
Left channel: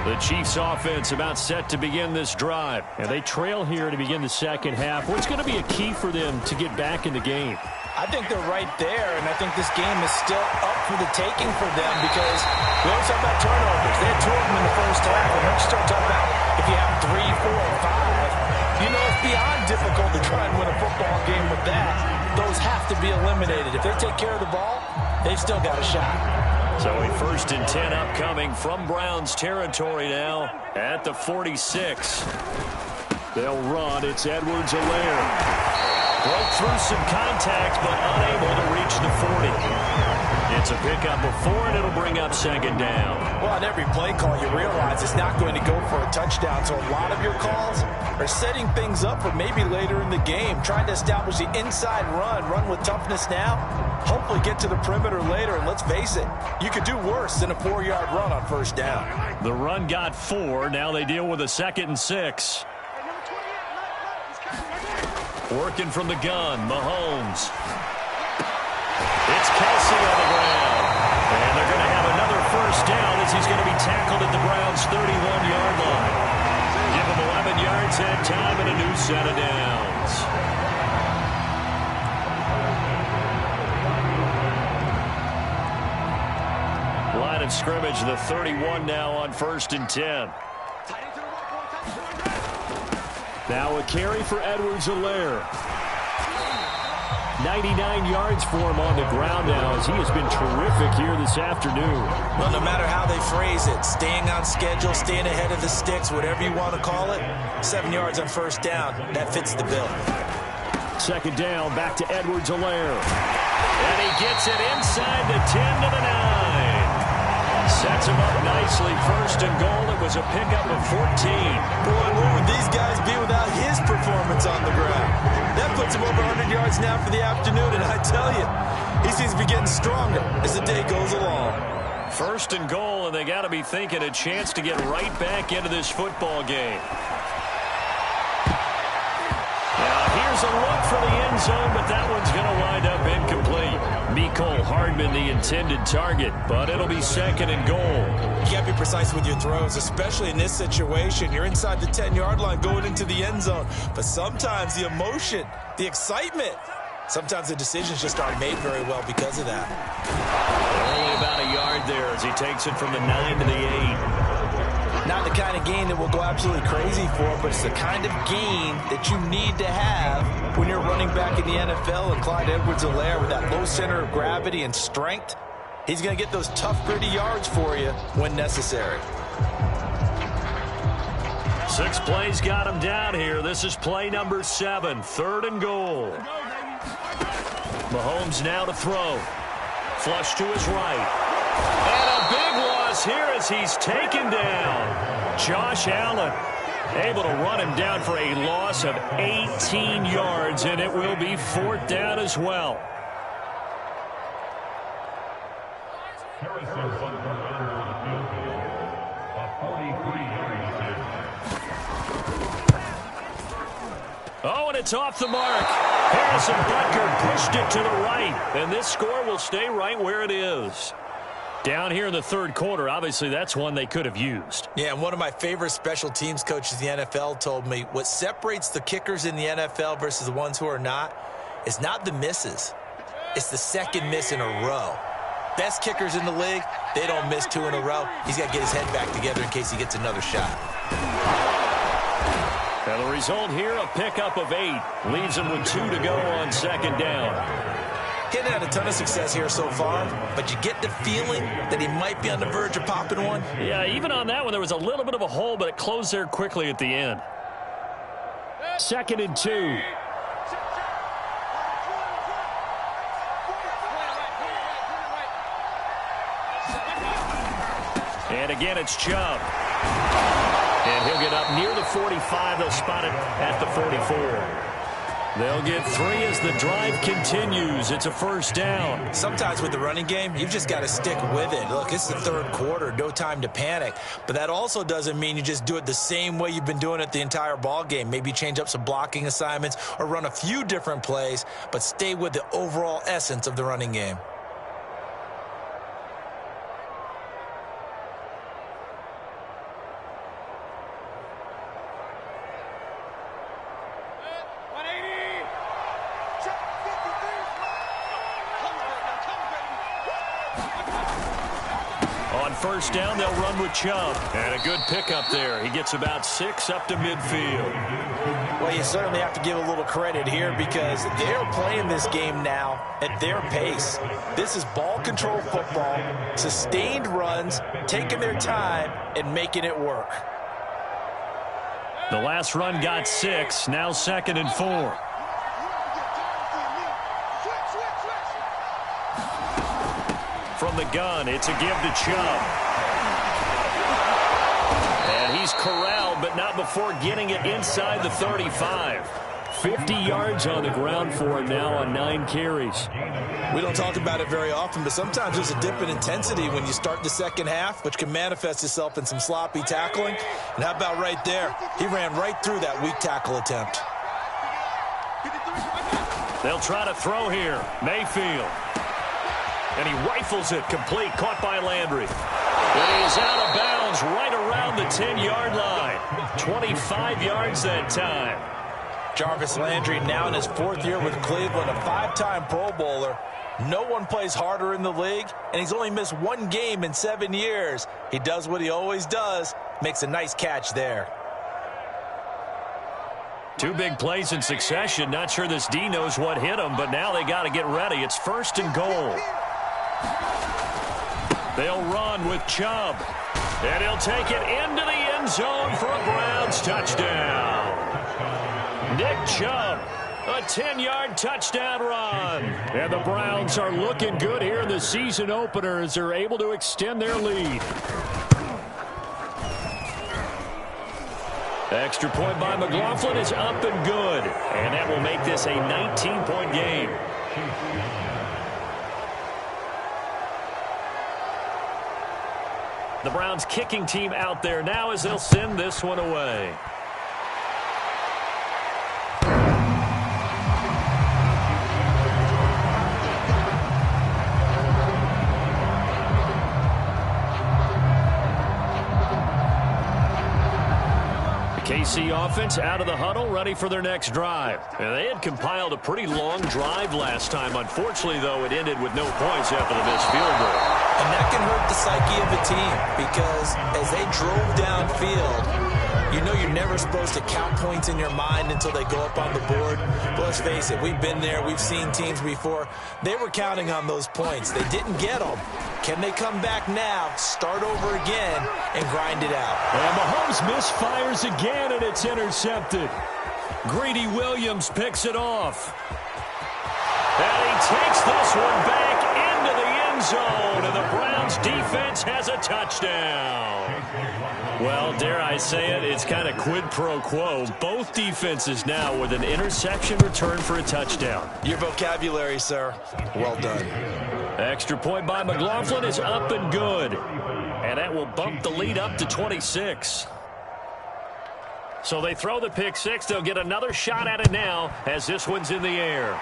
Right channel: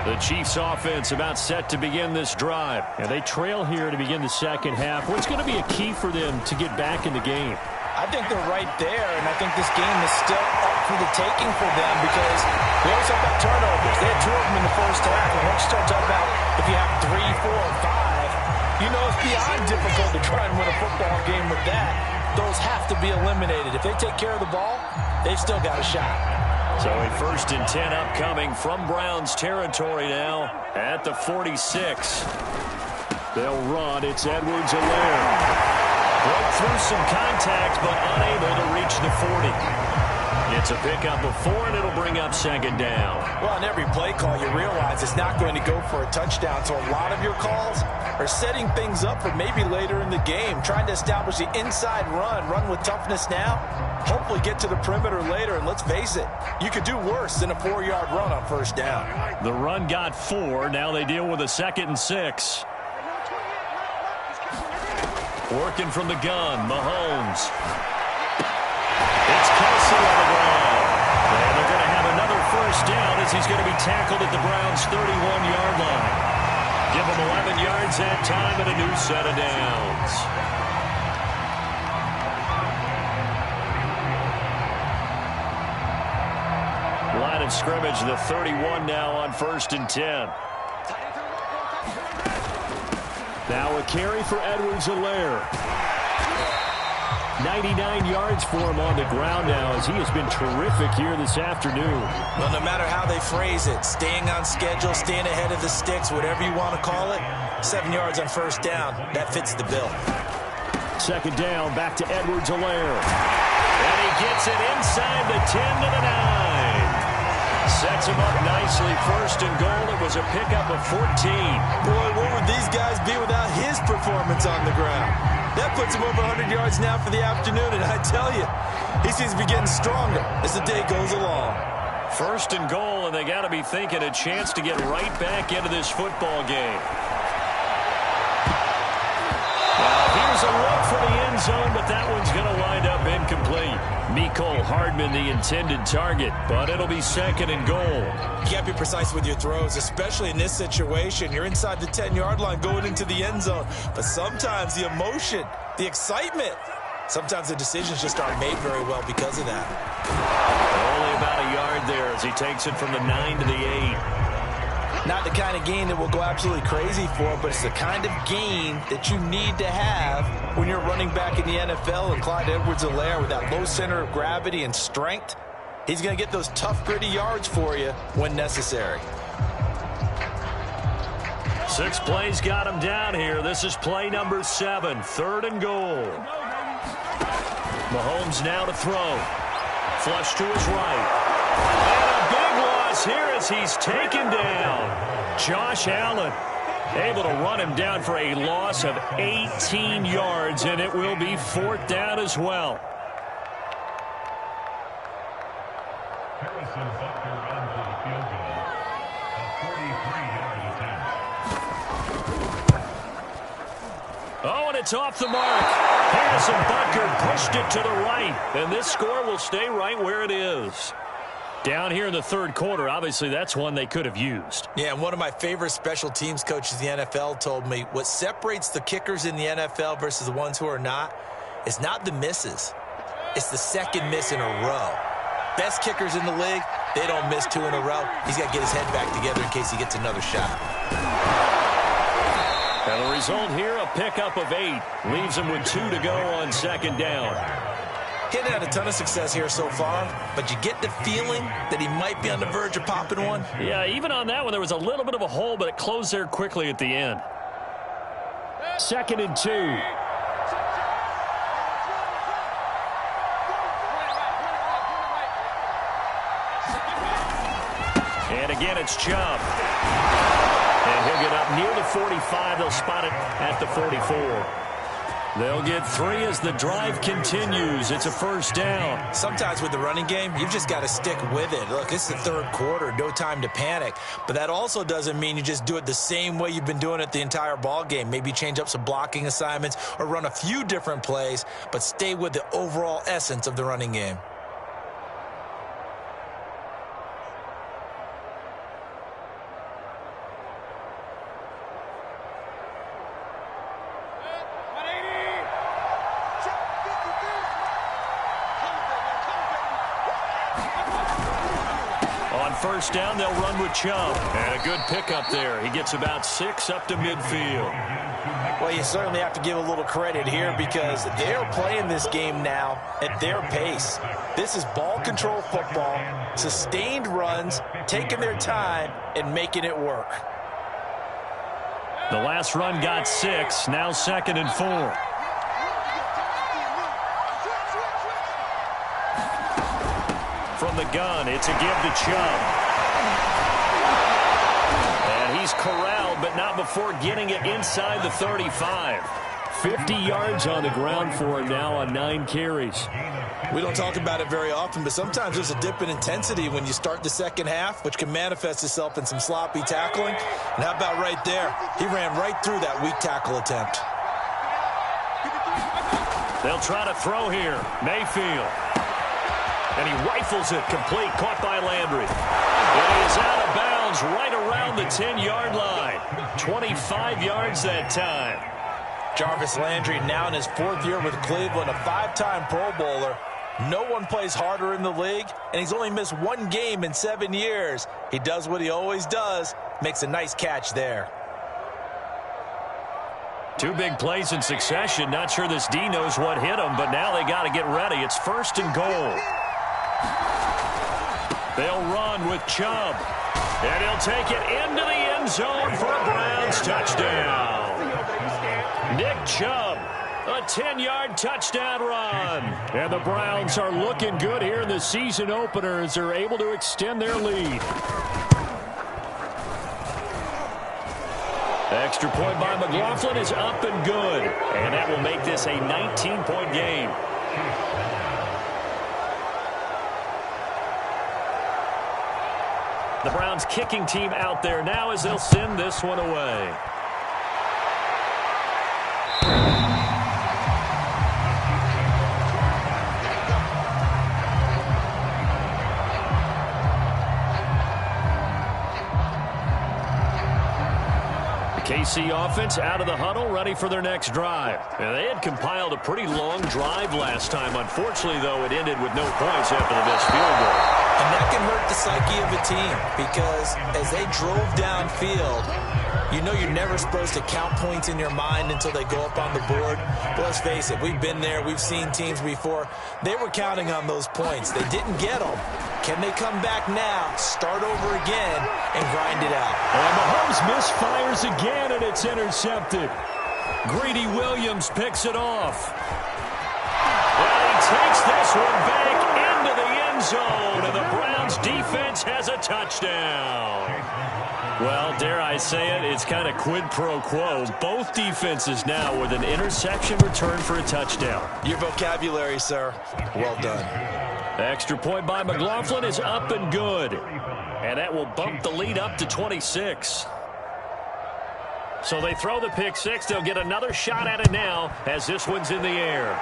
The Chiefs offense about set to begin this drive. And they trail here to begin the second half. What's going to be a key for them to get back in the game? I think they're right there, and I think this game is still up for the taking for them because we always talk about turnovers. They had 2 of them in the first half. And once you start talking about if you have 3, 4, or 5, you know it's beyond difficult to try and win a football game with that. Those have to be eliminated. If they take care of the ball, they've still got a shot. So a 1st and 10 upcoming from Browns territory now at the 46. They'll run. It's Edwards-Helaire. Broke through some contact, but unable to reach the 40. It's a pickup of 4, and it'll bring up second down. Well, on every play call, you realize it's not going to go for a touchdown. So a lot of your calls are setting things up for maybe later in the game, trying to establish the inside run with toughness now, hopefully get to the perimeter later. And let's face it, you could do worse than a 4-yard run on first down. The run got 4. Now they deal with a 2nd and 6. Working from the gun, Mahomes. It's Kelsey on the ground. And they're going to have another first down as he's going to be tackled at the Browns' 31-yard line. Give him 11 yards that time and a new set of downs. Line of scrimmage, the 31 now on 1st and 10. Now a carry for Edwards-Helaire. 99 yards for him on the ground now as he has been terrific here this afternoon. Well, no matter how they phrase it, staying on schedule, staying ahead of the sticks, whatever you want to call it, 7 yards on first down, that fits the bill. Second down, back to Edwards-Helaire. And he gets it inside the 10 to the 9. Sets him up nicely. 1st and goal. It was a pickup of 14. Boy, where would these guys be without his performance on the ground? That puts him over 100 yards now for the afternoon, and I tell you, he seems to be getting stronger as the day goes along. 1st and goal, and they got to be thinking a chance to get right back into this football game. Now, here's a look for the end zone, but that one's going to wind up incomplete. Mecole Hardman, the intended target, but it'll be 2nd and goal. You got to be precise with your throws, especially in this situation. You're inside the 10-yard line going into the end zone, but sometimes the emotion, the excitement, sometimes the decisions just aren't made very well because of that. Only about a yard there as he takes it from the 9 to the 8. Not the kind of gain that we'll go absolutely crazy for, but it's the kind of gain that you need to have when you're running back in the NFL. And Clyde Edwards-Helaire, with that low center of gravity and strength, he's going to get those tough, gritty yards for you when necessary. 6 plays got him down here. This is play number 7, 3rd and goal. Mahomes now to throw. Flush to his right. And a big loss here as he's taken down. Josh Allen able to run him down for a loss of 18 yards, and it will be 4th down as well. Harrison Butker on for the field goal. A 43-yard attempt. Oh, and it's off the mark. Harrison Butker pushed it to the right, and this score will stay right where it is. Down here in the 3rd quarter, obviously that's one they could have used. Yeah, and one of my favorite special teams coaches in the NFL told me what separates the kickers in the NFL versus the ones who are not is not the misses. It's the 2nd miss in a row. Best kickers in the league, they don't miss 2 in a row. He's got to get his head back together in case he gets another shot. And the result here, a pickup of 8. Leaves him with 2 to go on 2nd down. He hadn't had a ton of success here so far, but you get the feeling that he might be on the verge of popping one. Yeah, even on that one, there was a little bit of a hole, but it closed there quickly at the end. 2nd and 2. And again, it's Chubb. And he'll get up near the 45. They'll spot it at the 44. They'll get 3 as the drive continues. It's a 1st down. Sometimes with the running game, you've just got to stick with it. Look, it's the 3rd quarter, no time to panic. But that also doesn't mean you just do it the same way you've been doing it the entire ball game. Maybe change up some blocking assignments or run a few different plays, but stay with the overall essence of the running game. On 1st down, they'll run with Chubb. And a good pickup there. He gets about 6 up to midfield. Well, you certainly have to give a little credit here because they're playing this game now at their pace. This is ball control football, sustained runs, taking their time and making it work. The last run got 6. Now 2nd and 4. From the gun, it's a give to Chubb. And he's corralled, but not before getting it inside the 35. 50 yards on the ground for him now on 9 carries. We don't talk about it very often, but sometimes there's a dip in intensity when you start the second half, which can manifest itself in some sloppy tackling. And how about right there? He ran right through that weak tackle attempt. They'll try to throw here. Mayfield. And he rifles it complete, caught by Landry. And he is out of bounds right around the 10-yard line. 25 yards that time. Jarvis Landry now in his 4th year with Cleveland, a 5-time Pro Bowler. No one plays harder in the league, and he's only missed 1 game in 7 years. He does what he always does, makes a nice catch there. 2 big plays in succession. Not sure this D knows what hit him, but now they got to get ready. It's 1st and goal. They'll run with Chubb. And he'll take it into the end zone for a Browns touchdown. Nick Chubb, a 10-yard touchdown run. And the Browns are looking good here in the season opener as they're able to extend their lead. Extra point by McLaughlin is up and good. And that will make this a 19-point game. The Browns kicking team out there now as they'll send this one away. KC offense out of the huddle, ready for their next drive. And they had compiled a pretty long drive last time. Unfortunately, though, it ended with no points after the missed field goal. And that can hurt the psyche of a team because as they drove downfield, you know you're never supposed to count points in your mind until they go up on the board. But let's face it, we've been there. We've seen teams before. They were counting on those points. They didn't get them. Can they come back now, start over again, and grind it out? And Mahomes misfires again, and it's intercepted. Greedy Williams picks it off. And he takes this one back into the end zone, and the Browns defense has a touchdown. Well, dare I say it, it's kind of quid pro quo. Both defenses now with an interception return for a touchdown. Your vocabulary, sir. Well done. Extra point by McLaughlin is up and good. And that will bump the lead up to 26. So they throw the pick six. They'll get another shot at it now as this one's in the air.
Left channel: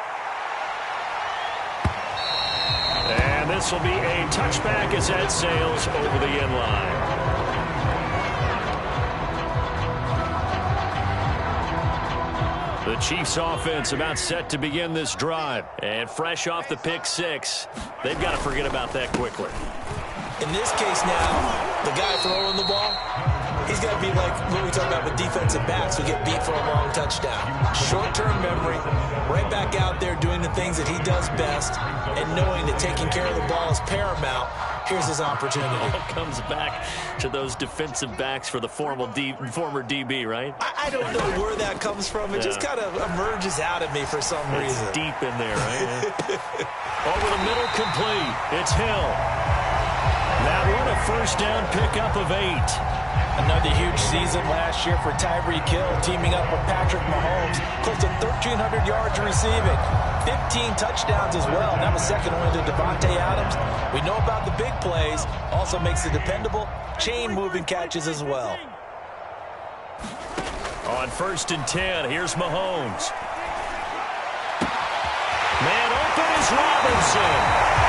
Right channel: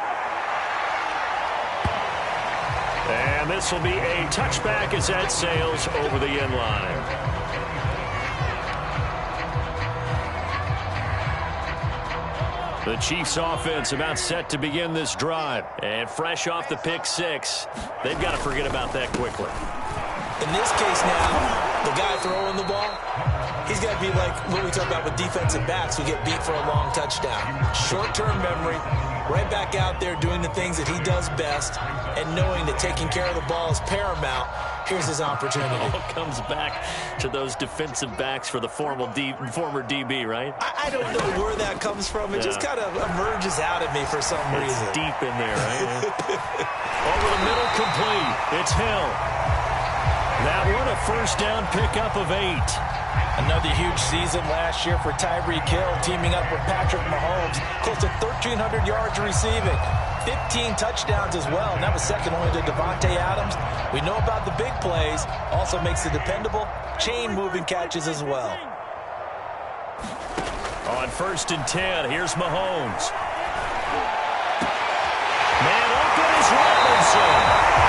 And this will be a touchback as that sails over the end line. The Chiefs offense about set to begin this drive. And fresh off the pick six, they've got to forget about that quickly. In this case now, the guy throwing the ball, he's got to be like what we talk about with defensive backs who get beat for a long touchdown. Short-term memory, right back out there doing the things that he does best, and knowing that taking care of the ball is paramount. Here's his opportunity. All comes back to those defensive backs for the former DB, right? I don't know where that comes from. It just kind of emerges out at me for some reason. It's deep in there, right? Over the middle, complete. It's Hill. That one a first down pickup of 8. Another huge season last year for Tyreek Hill, teaming up with Patrick Mahomes. Close to 1,300 yards receiving. 15 touchdowns as well. And that was second only to Devontae Adams. We know about the big plays. Also makes the dependable chain-moving catches as well. On 1st and 10, here's Mahomes. Man open is Robinson.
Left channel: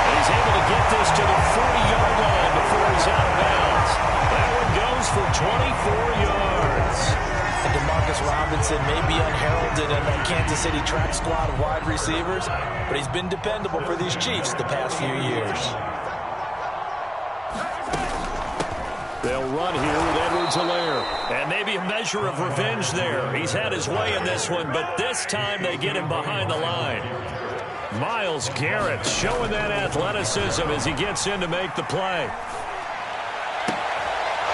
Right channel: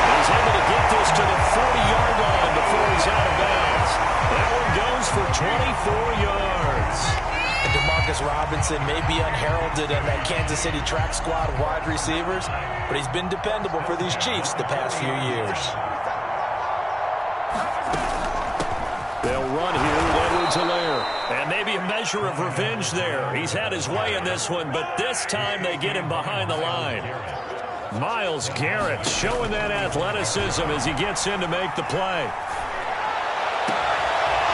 And he's able to get this to the 40-yard line before he's out of bounds. That one goes for 24 yards. And DeMarcus Robinson may be unheralded in that Kansas City track squad of wide receivers, but he's been dependable for these Chiefs the past few years. They'll run here with Edwards-Helaire. And maybe a measure of revenge there. He's had his way in this one, but this time they get him behind the line. Myles Garrett showing that athleticism as he gets in to make the play.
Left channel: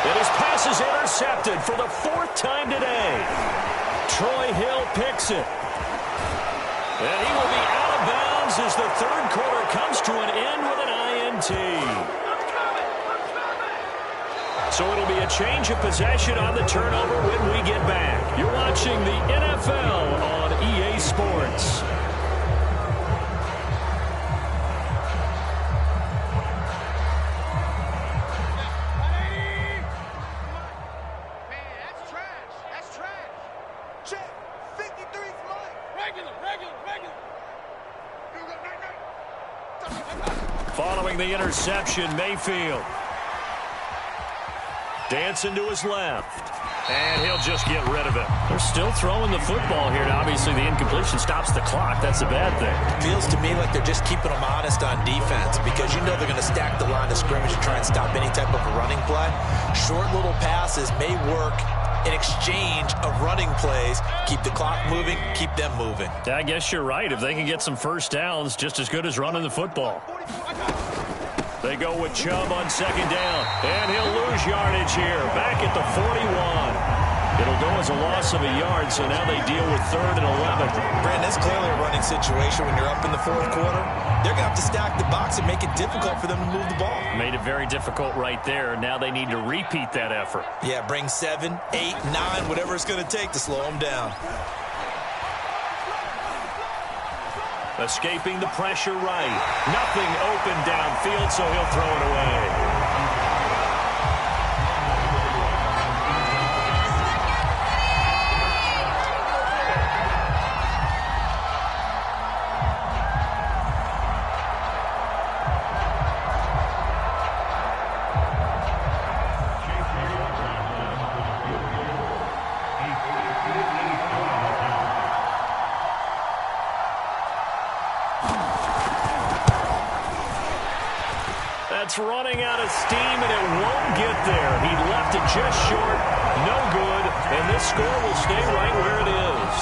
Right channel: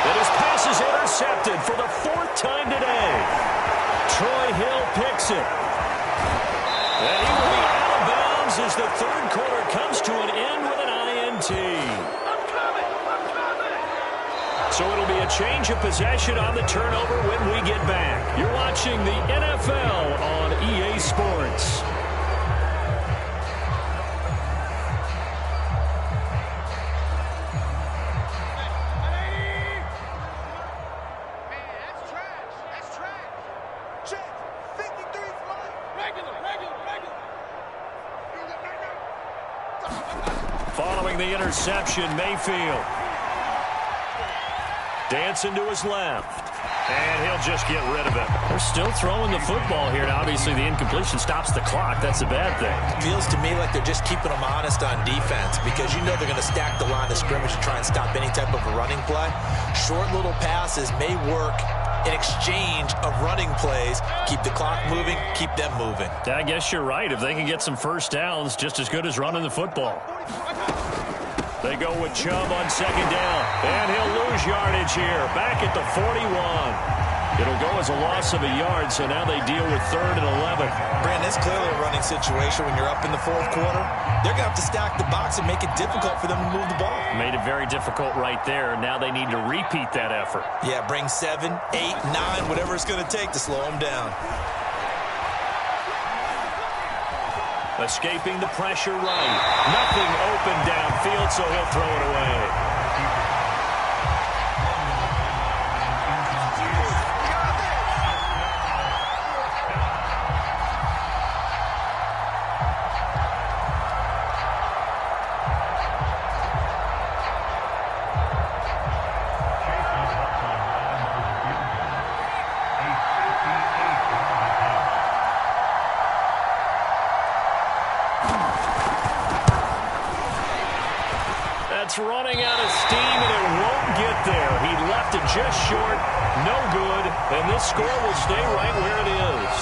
And his pass is intercepted for the 4th time today. Troy Hill picks it. And he will be out of bounds as the 3rd quarter comes to an end with an INT. So it'll be a change of possession on the turnover when we get back. You're watching the NFL on EA Sports. Following the interception, Mayfield. Dancing to his left. And he'll just get rid of it. They're still throwing the football here. Now, obviously, the incompletion stops the clock. That's a bad thing. Feels to me like they're just keeping them honest on defense because you know they're going to stack the line of scrimmage and try and stop any type of a running play. Short little passes may work in exchange of running plays. Keep the clock moving, keep them moving. I guess you're right. If they can get some first downs, just as good as running the football. They go with Chubb on 2nd down, and he'll lose yardage here. Back at the 41. It'll go as a loss of a yard, so now they deal with 3rd and 11. Brandon, it's clearly a running situation when you're up in the 4th quarter. They're going to have to stack the box and make it difficult for them to move the ball. Made it very difficult right there. Now they need to repeat that effort. Yeah, bring 7, 8, 9, whatever it's going to take to slow them down. Escaping the pressure right. Nothing open downfield, so he'll throw it away. It's running out of steam, and it won't get there. He left it just short. No good. And this score will stay right where it is.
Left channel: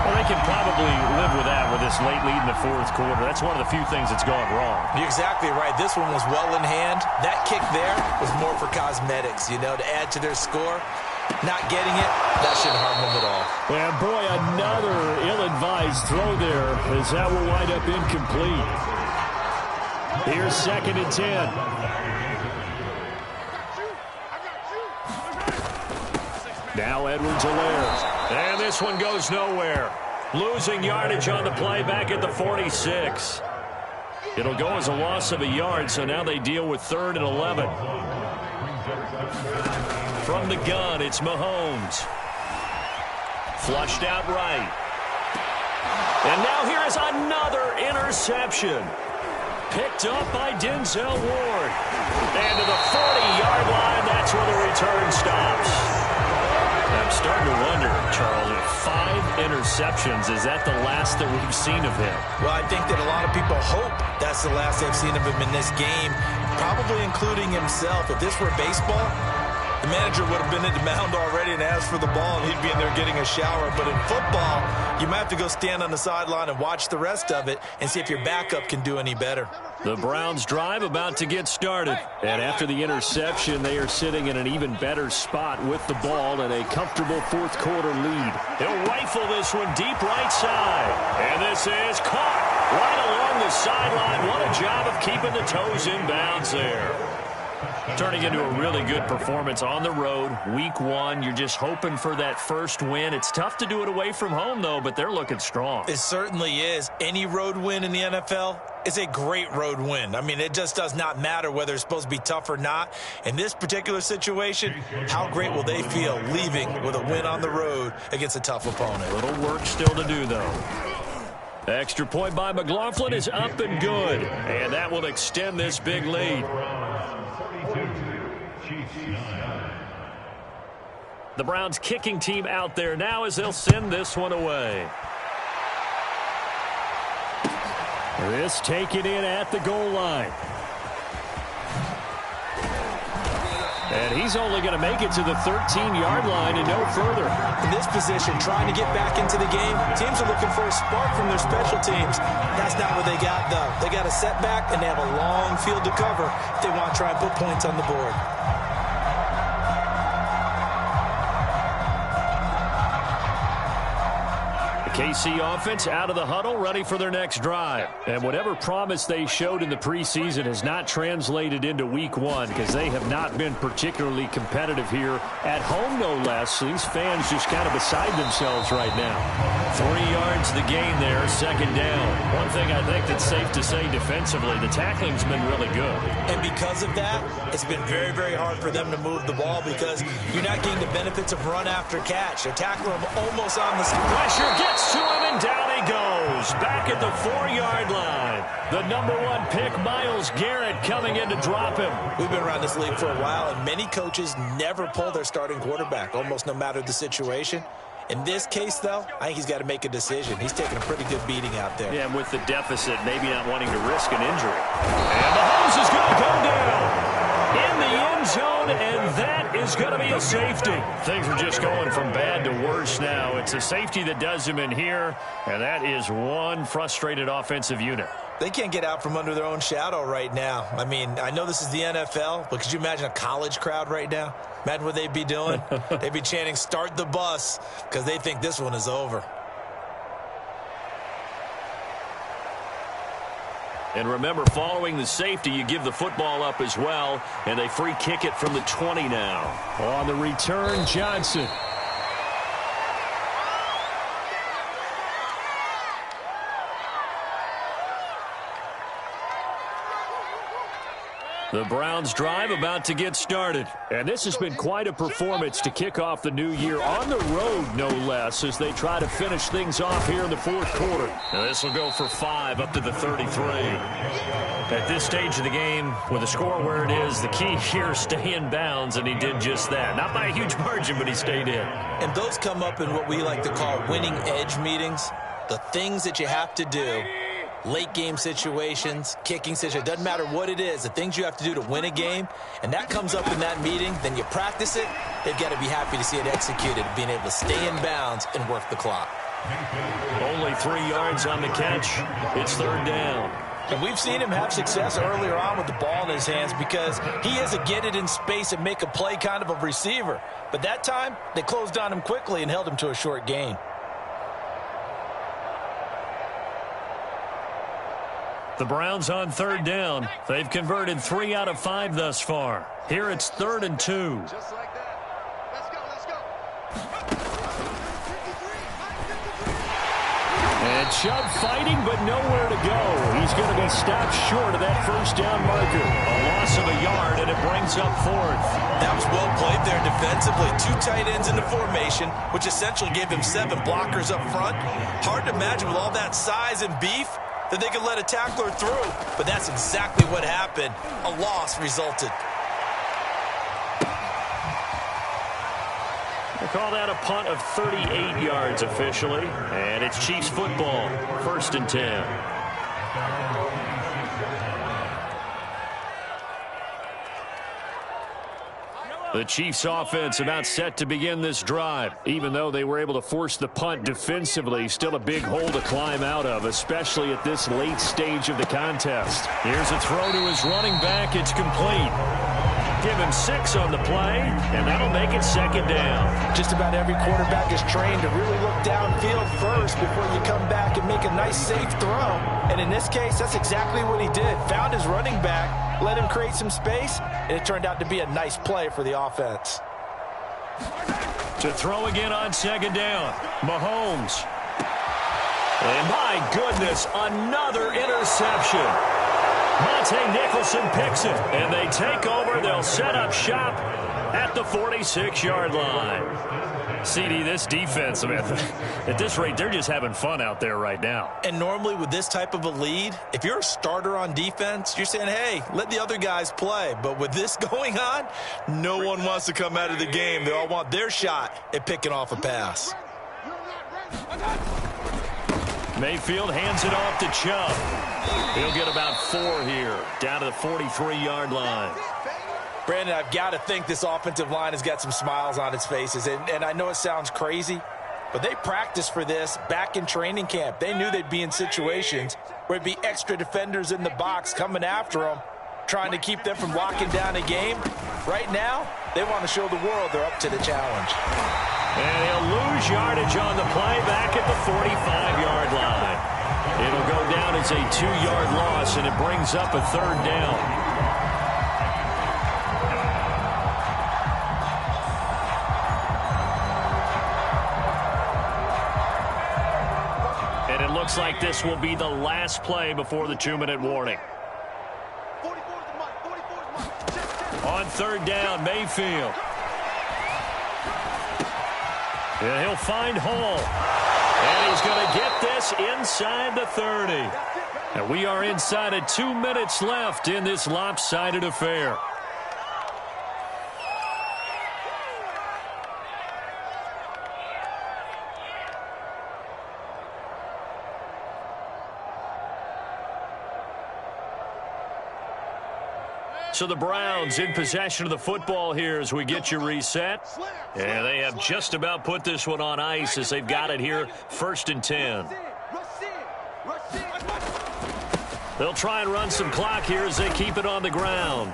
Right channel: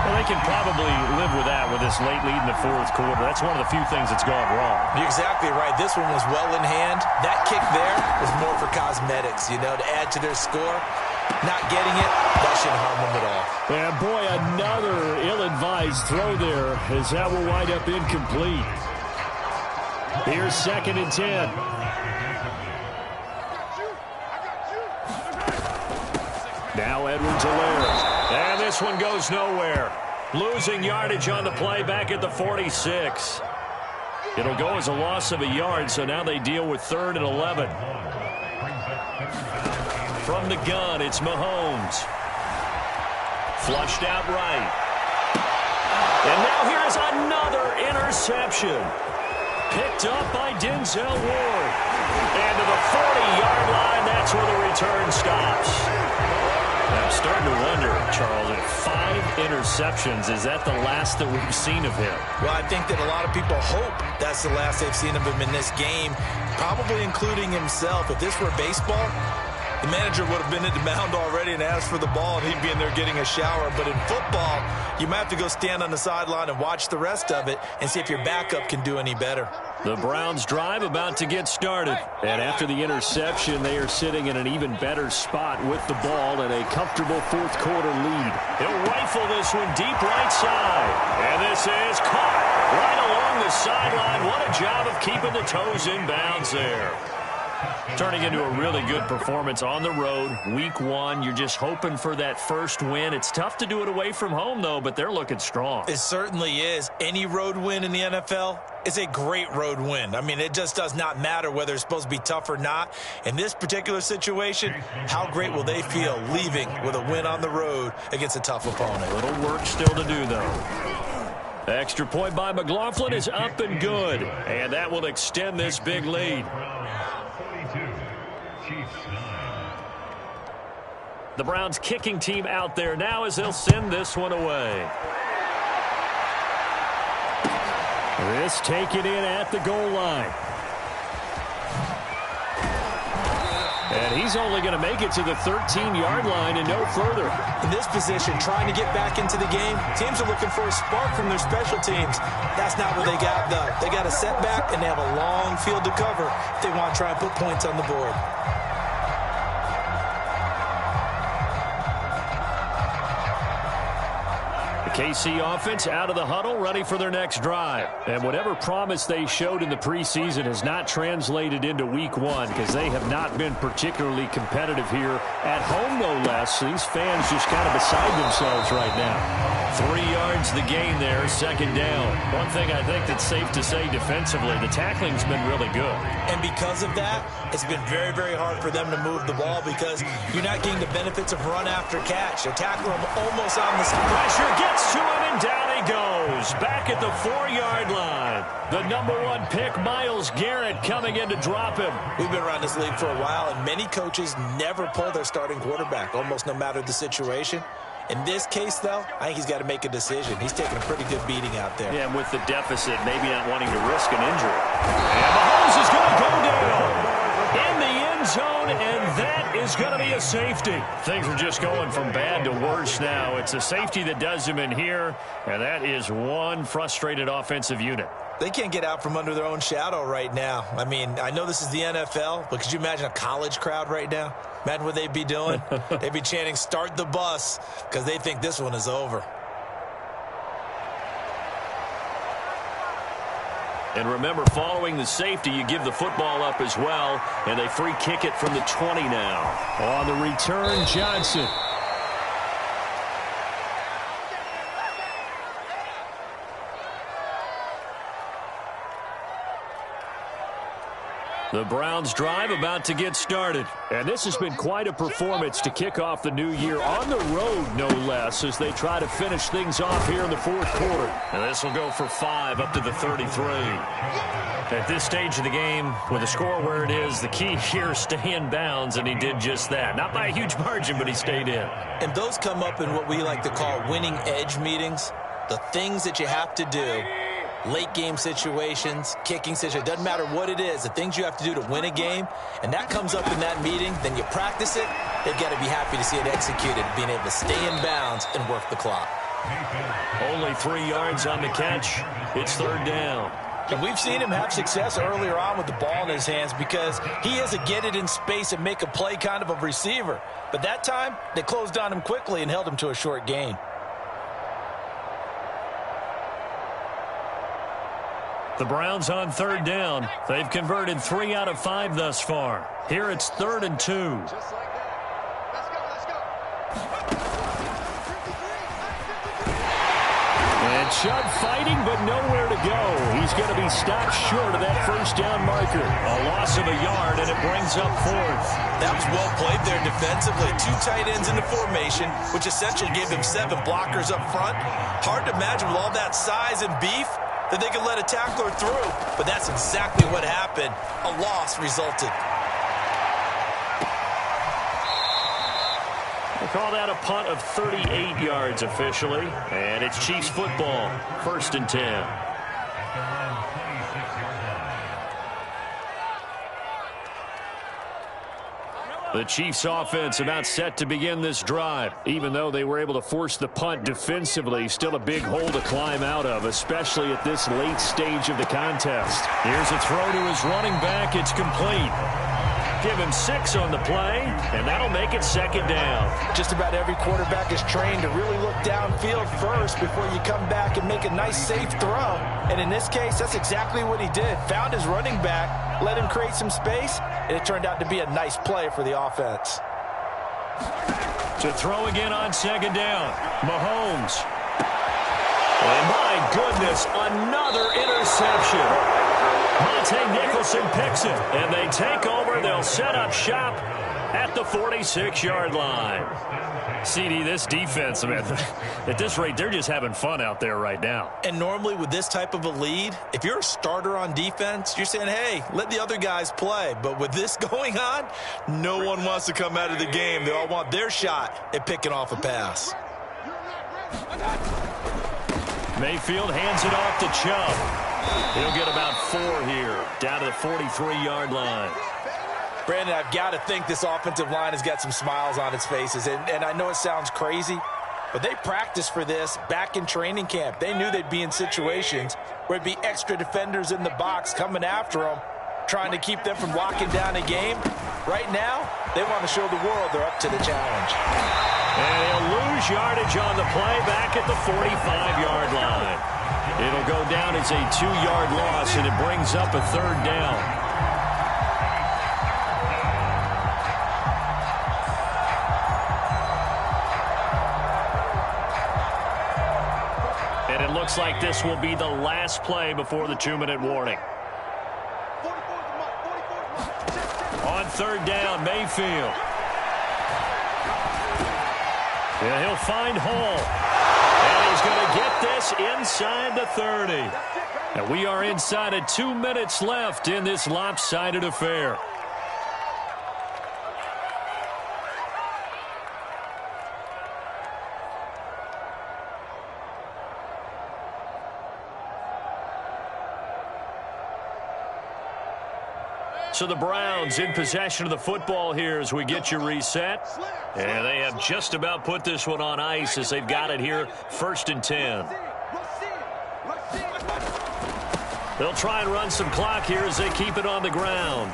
Well, they can probably live with that with this late lead in the 4th quarter. That's one of the few things that's gone wrong. You're exactly right. This one was well in hand. That kick there was more for cosmetics, you know, to add to their score. Not getting it, that shouldn't harm them at all. And, boy, another ill-advised throw there as that will wind up incomplete. Here's 2nd and 10. Now Edwards-Helaire. And this one goes nowhere. Losing yardage on the play back at the 46. It'll go as a loss of a yard, so now they deal with 3rd and 11. From the gun, it's Mahomes. Flushed out right. And now here is another interception. Picked up by Denzel Ward. And to the 40-yard line, that's where the return stops. I'm starting to wonder, Charles, if 5 interceptions, is that the last that we've seen of him? Well, I think that a lot of people hope that's the last they've seen of him in this game, probably including himself. If this were baseball, the manager would have been at the mound already and asked for the ball, and he'd be in there getting a shower. But in football, you might have to go stand on the sideline and watch the rest of it and see if your backup can do any better. The Browns' drive about to get started. And after the interception, they are sitting in an even better spot with the ball and a comfortable 4th quarter lead. He'll rifle this one deep right side. And this is caught right along the sideline. What a job of keeping the toes in bounds there. Turning into a really good performance on the road. Week 1, you're just hoping for that first win. It's tough to do it away from home, though, but they're looking strong. It certainly is. Any road win in the NFL is a great road win. I mean, it just does not matter whether it's supposed to be tough or not. In this particular situation, how great will they feel leaving with a win on the road against a tough opponent? A little work still to do, though. Extra point by McLaughlin is up and good. And that will extend this big lead. The Browns kicking team out there now as they'll send this one away. This taken in at the goal line. And he's only going to make it to the 13-yard line and no further. In this position, trying to get back into the game, teams are looking for a spark from their special teams. That's not what they got, though. They got a setback, and they have a long field to cover if they want to try and put points on the board. KC offense out of the huddle, ready for their next drive. And whatever promise they showed in the preseason has not translated into week one because they have not been particularly competitive here at home, no less. So these fans just kind of beside themselves right now. 3 yards the gain there, second down. One thing I think that's safe to say defensively, the tackling's been really good. And because of that, it's been very, very hard for them to move the ball because you're not getting the benefits of run after catch. They're tackling him almost on the spot. Pressure gets to him, and down he goes. Back at the 4-yard line. The number 1 pick, Myles Garrett, coming in to drop him. We've been around this league for a while, and many coaches never pull their starting quarterback, almost no matter the situation. In this case, though, I think he's got to make a decision. He's taking a pretty good beating out there. Yeah, and with the deficit, maybe not wanting to risk an injury. And Mahomes is going to go down in the end zone, and that is going to be a safety. Things are just going from bad to worse now. It's a safety that does him in here, and that is one frustrated offensive unit. They can't get out from under their own shadow right now. I mean, I know this is the NFL, but could you imagine a college crowd right now? Imagine what they'd be doing. They'd be chanting, "Start the bus," because they think this one is over. And remember, following the safety, you give the football up as well, and they free kick it from the 20 now. On the return, Johnson. The Browns drive about to get started. And this has been quite a performance to kick off the new year on the road, no less, as they try to finish things off here in the fourth quarter. And this will go for 5 up to the 33. At this stage of the game, with the score where it is, the key here is stay in bounds, and he did just that. Not by a huge margin, but he stayed in. And those come up in what we like to call winning edge meetings. The things that you have to do. Late game situations, kicking situations, doesn't matter what it is, the things you have to do to win a game, and that comes up in that meeting, then you practice it, they've got to be happy to see it executed, being able to stay in bounds and work the clock. Only 3 yards on the catch. It's third down. And we've seen him have success earlier on with the ball in his hands because he is a get it in space and make a play kind of a receiver. But that time, they closed on him quickly and held him to a short gain. The Browns on third down. They've converted 3 out of 5 thus far. Here it's 3rd and 2. Just like that. Let's go, let's go. And Chubb fighting, but nowhere to go. He's going to be stopped short of that first down marker. A loss of a yard, and it brings up 4th. That was well played there defensively. 2 tight ends in the formation, which essentially gave him 7 blockers up front. Hard to imagine with all that size and beef that they could let a tackler through, but that's exactly what happened. A loss resulted. They call that a punt of 38 yards officially, and it's Chiefs football, 1st and 10. The Chiefs offense about set to begin this drive. Even though they were able to force the punt defensively, still a big hole to climb out of, especially at this late stage of the contest. Here's a throw to his running back. It's complete. Give him 6 on the play, and that'll make it 2nd down. Just about every quarterback is trained to really look downfield first before you come back and make a nice, safe throw. And in this case, that's exactly what he did. Found his running back, let him create some space, and it turned out to be a nice play for the offense. To throw again on 2nd down, Mahomes. And my goodness, another interception. Monte Nicholson picks it, and they take over. They'll set up shop at the 46-yard line. CD, this defense, man, at this rate, they're just having fun out there right now. And normally with this type of a lead, if you're a starter on defense, you're saying, hey, let the other guys play. But with this going on, no one wants to come out of the game. They all want their shot at picking off a pass. Mayfield hands it off to Chubb. He'll get about 4 here, down to the 43-yard line. Brandon, I've got to think this offensive line has got some smiles on its faces. And I know it sounds crazy, but they practiced for this back in training camp. They knew they'd be in situations where it'd be extra defenders in the box coming after them, trying to keep them from locking down a game. Right now, they want to show the world they're up to the challenge. And he'll lose yardage on the play back at the 45-yard line. It'll go down as a 2-yard loss, and it brings up a 3rd down. And it looks like this will be the last play before the 2-minute warning. On 3rd down, Mayfield. And he'll find Hall. And he's going to get this inside the 30. And we are inside of 2 minutes left in this lopsided affair. So the Browns in possession of the football here as we get you reset. And they have just about put this one on ice as they've got it here, 1st and 10. They'll try and run some clock here as they keep it on the ground.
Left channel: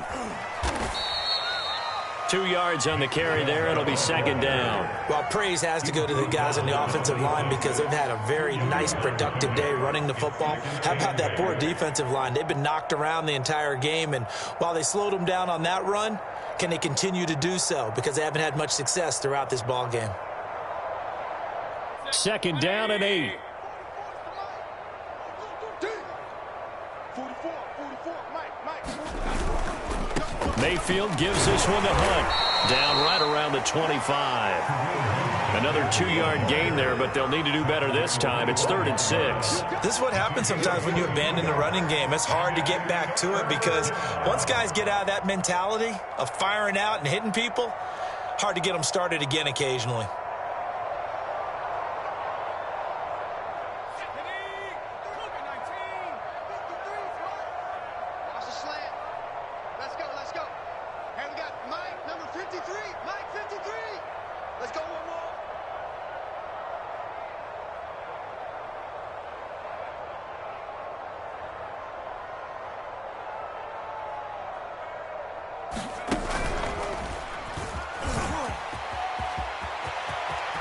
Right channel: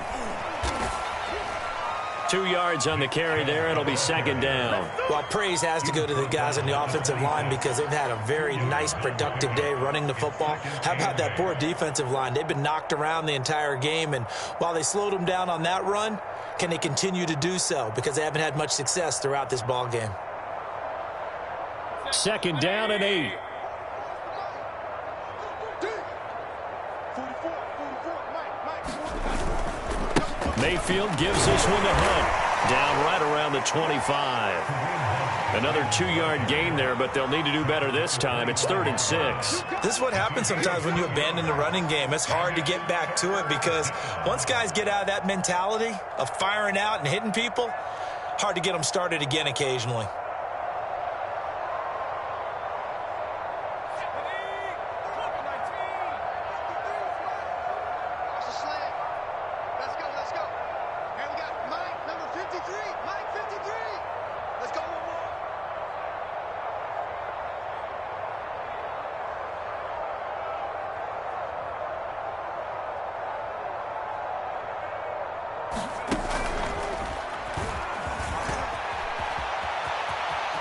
2 yards on the carry there. It'll be 2nd down. Well, praise has to go to the guys on the offensive line because they've had a very nice, productive day running the football. How about that poor defensive line? They've been knocked around the entire game, and while they slowed them down on that run, can they continue to do so? Because they haven't had much success throughout this ball game. 2nd down and 8. Mayfield gives this one to Hunt. Down right around the 25. Another 2-yard gain there, but they'll need to do better this time. It's 3rd and 6. This is what happens sometimes when you abandon the running game. It's hard to get back to it because once guys get out of that mentality of firing out and hitting people, hard to get them started again occasionally.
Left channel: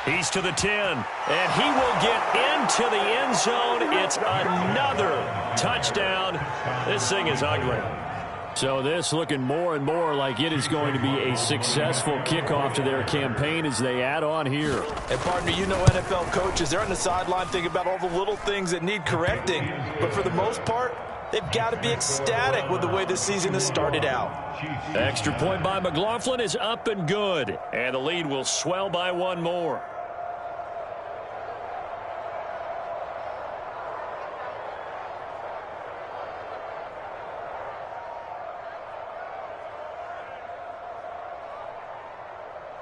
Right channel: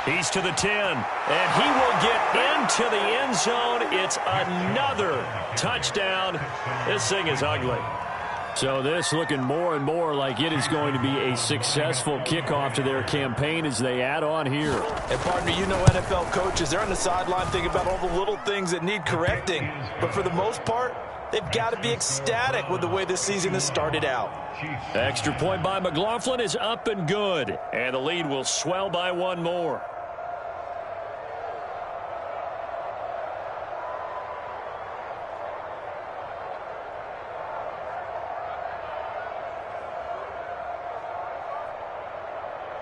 He's to the 10, and he will get into the end zone. It's another touchdown. This thing is ugly. So this looking more and more like it is going to be a successful kickoff to their campaign as they add on here. And partner, you know NFL coaches, they're on the sideline thinking about all the little things that need correcting. But for the most part, they've got to be ecstatic with the way this season has started out. Extra point by McLaughlin is up and good. And the lead will swell by 1 more.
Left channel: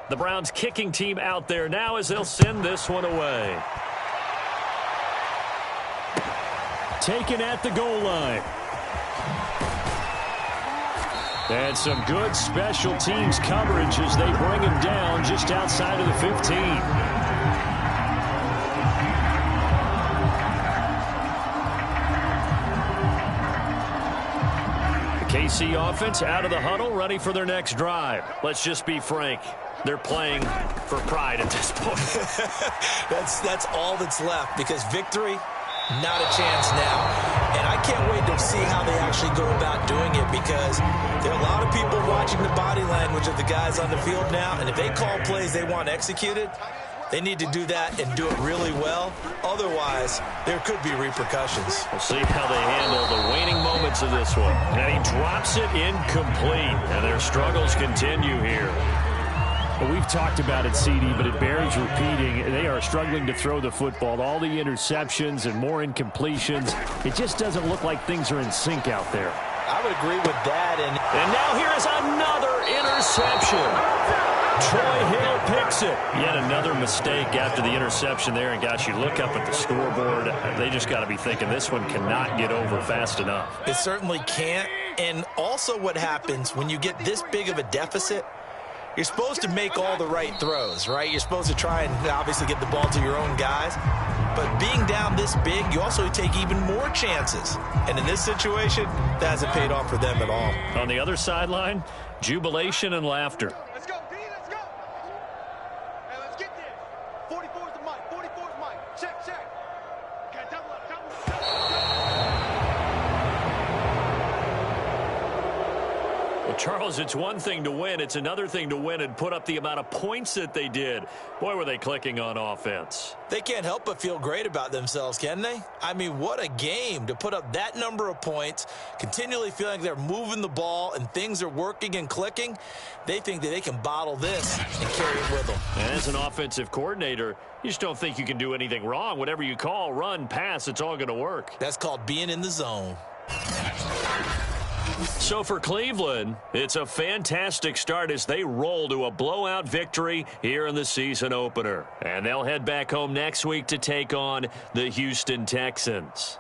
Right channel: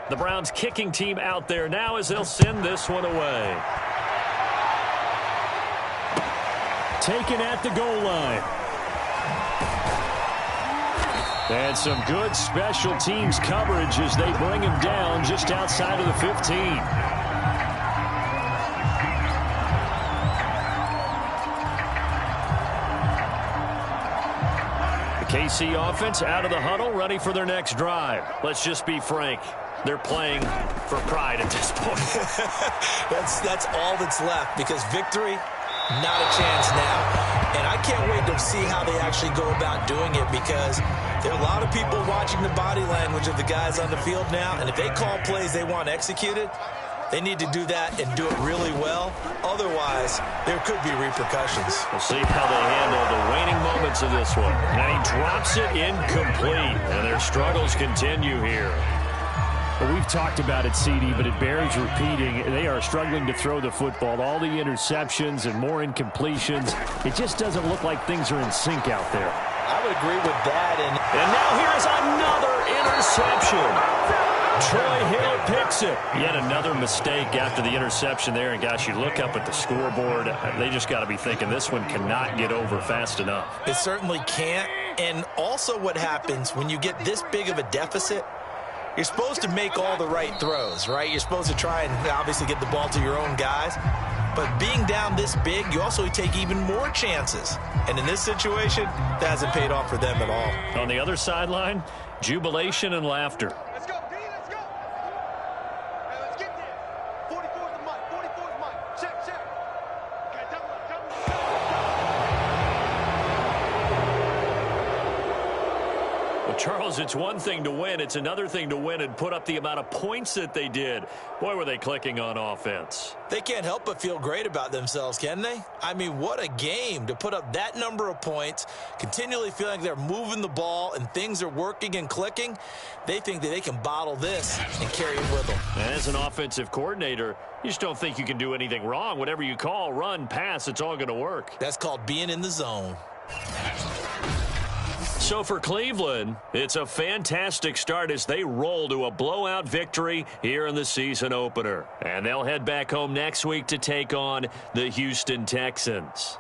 The Browns kicking team out there now as they'll send this one away. Taken at the goal line. And some good special teams coverage as they bring him down just outside of the 15. The KC offense out of the huddle, ready for their next drive. Let's just be frank. They're playing for pride at this point. That's all that's left because victory, not a chance now. And I can't wait to see how they actually go about doing it because there are a lot of people watching the body language of the guys on the field now. And if they call plays they want executed, they need to do that and do it really well. Otherwise, there could be repercussions. We'll see how they handle the waning moments of this one. And he drops it incomplete. And their struggles continue here. Well, we've talked about it, CD, but it bears repeating. They are struggling to throw the football. All the interceptions and more incompletions. It just doesn't look like things are in sync out there. I would agree with that. And now here is another interception. Troy Hill picks it. Yet another mistake after the interception there. And, gosh, you look up at the scoreboard. They just got to be thinking this one cannot get over fast enough. It certainly can't. And also what happens when you get this big of a deficit, you're supposed to make all the right throws, right? You're supposed to try and obviously get the ball to your own guys. But being down this big, you also take even more chances. And in this situation, that hasn't paid off for them at all. On the other sideline, jubilation and laughter. Let's go, D, let's go. Hey, let's get this. Well, Charles, it's one thing to win. It's another thing to win and put up the amount of points that they did. Boy, were they clicking on offense. They can't help but feel great about themselves, can they? I mean, what a game to put up that number of points, continually feeling like they're moving the ball and things are working and clicking. They think that they can bottle this and carry it with them. As an offensive coordinator, you just don't think you can do anything wrong. Whatever you call, run, pass, it's all going to work. That's called being in the zone. So for Cleveland, it's a fantastic start as they roll to a blowout victory here in the season opener. And they'll head back home next week to take on the Houston Texans.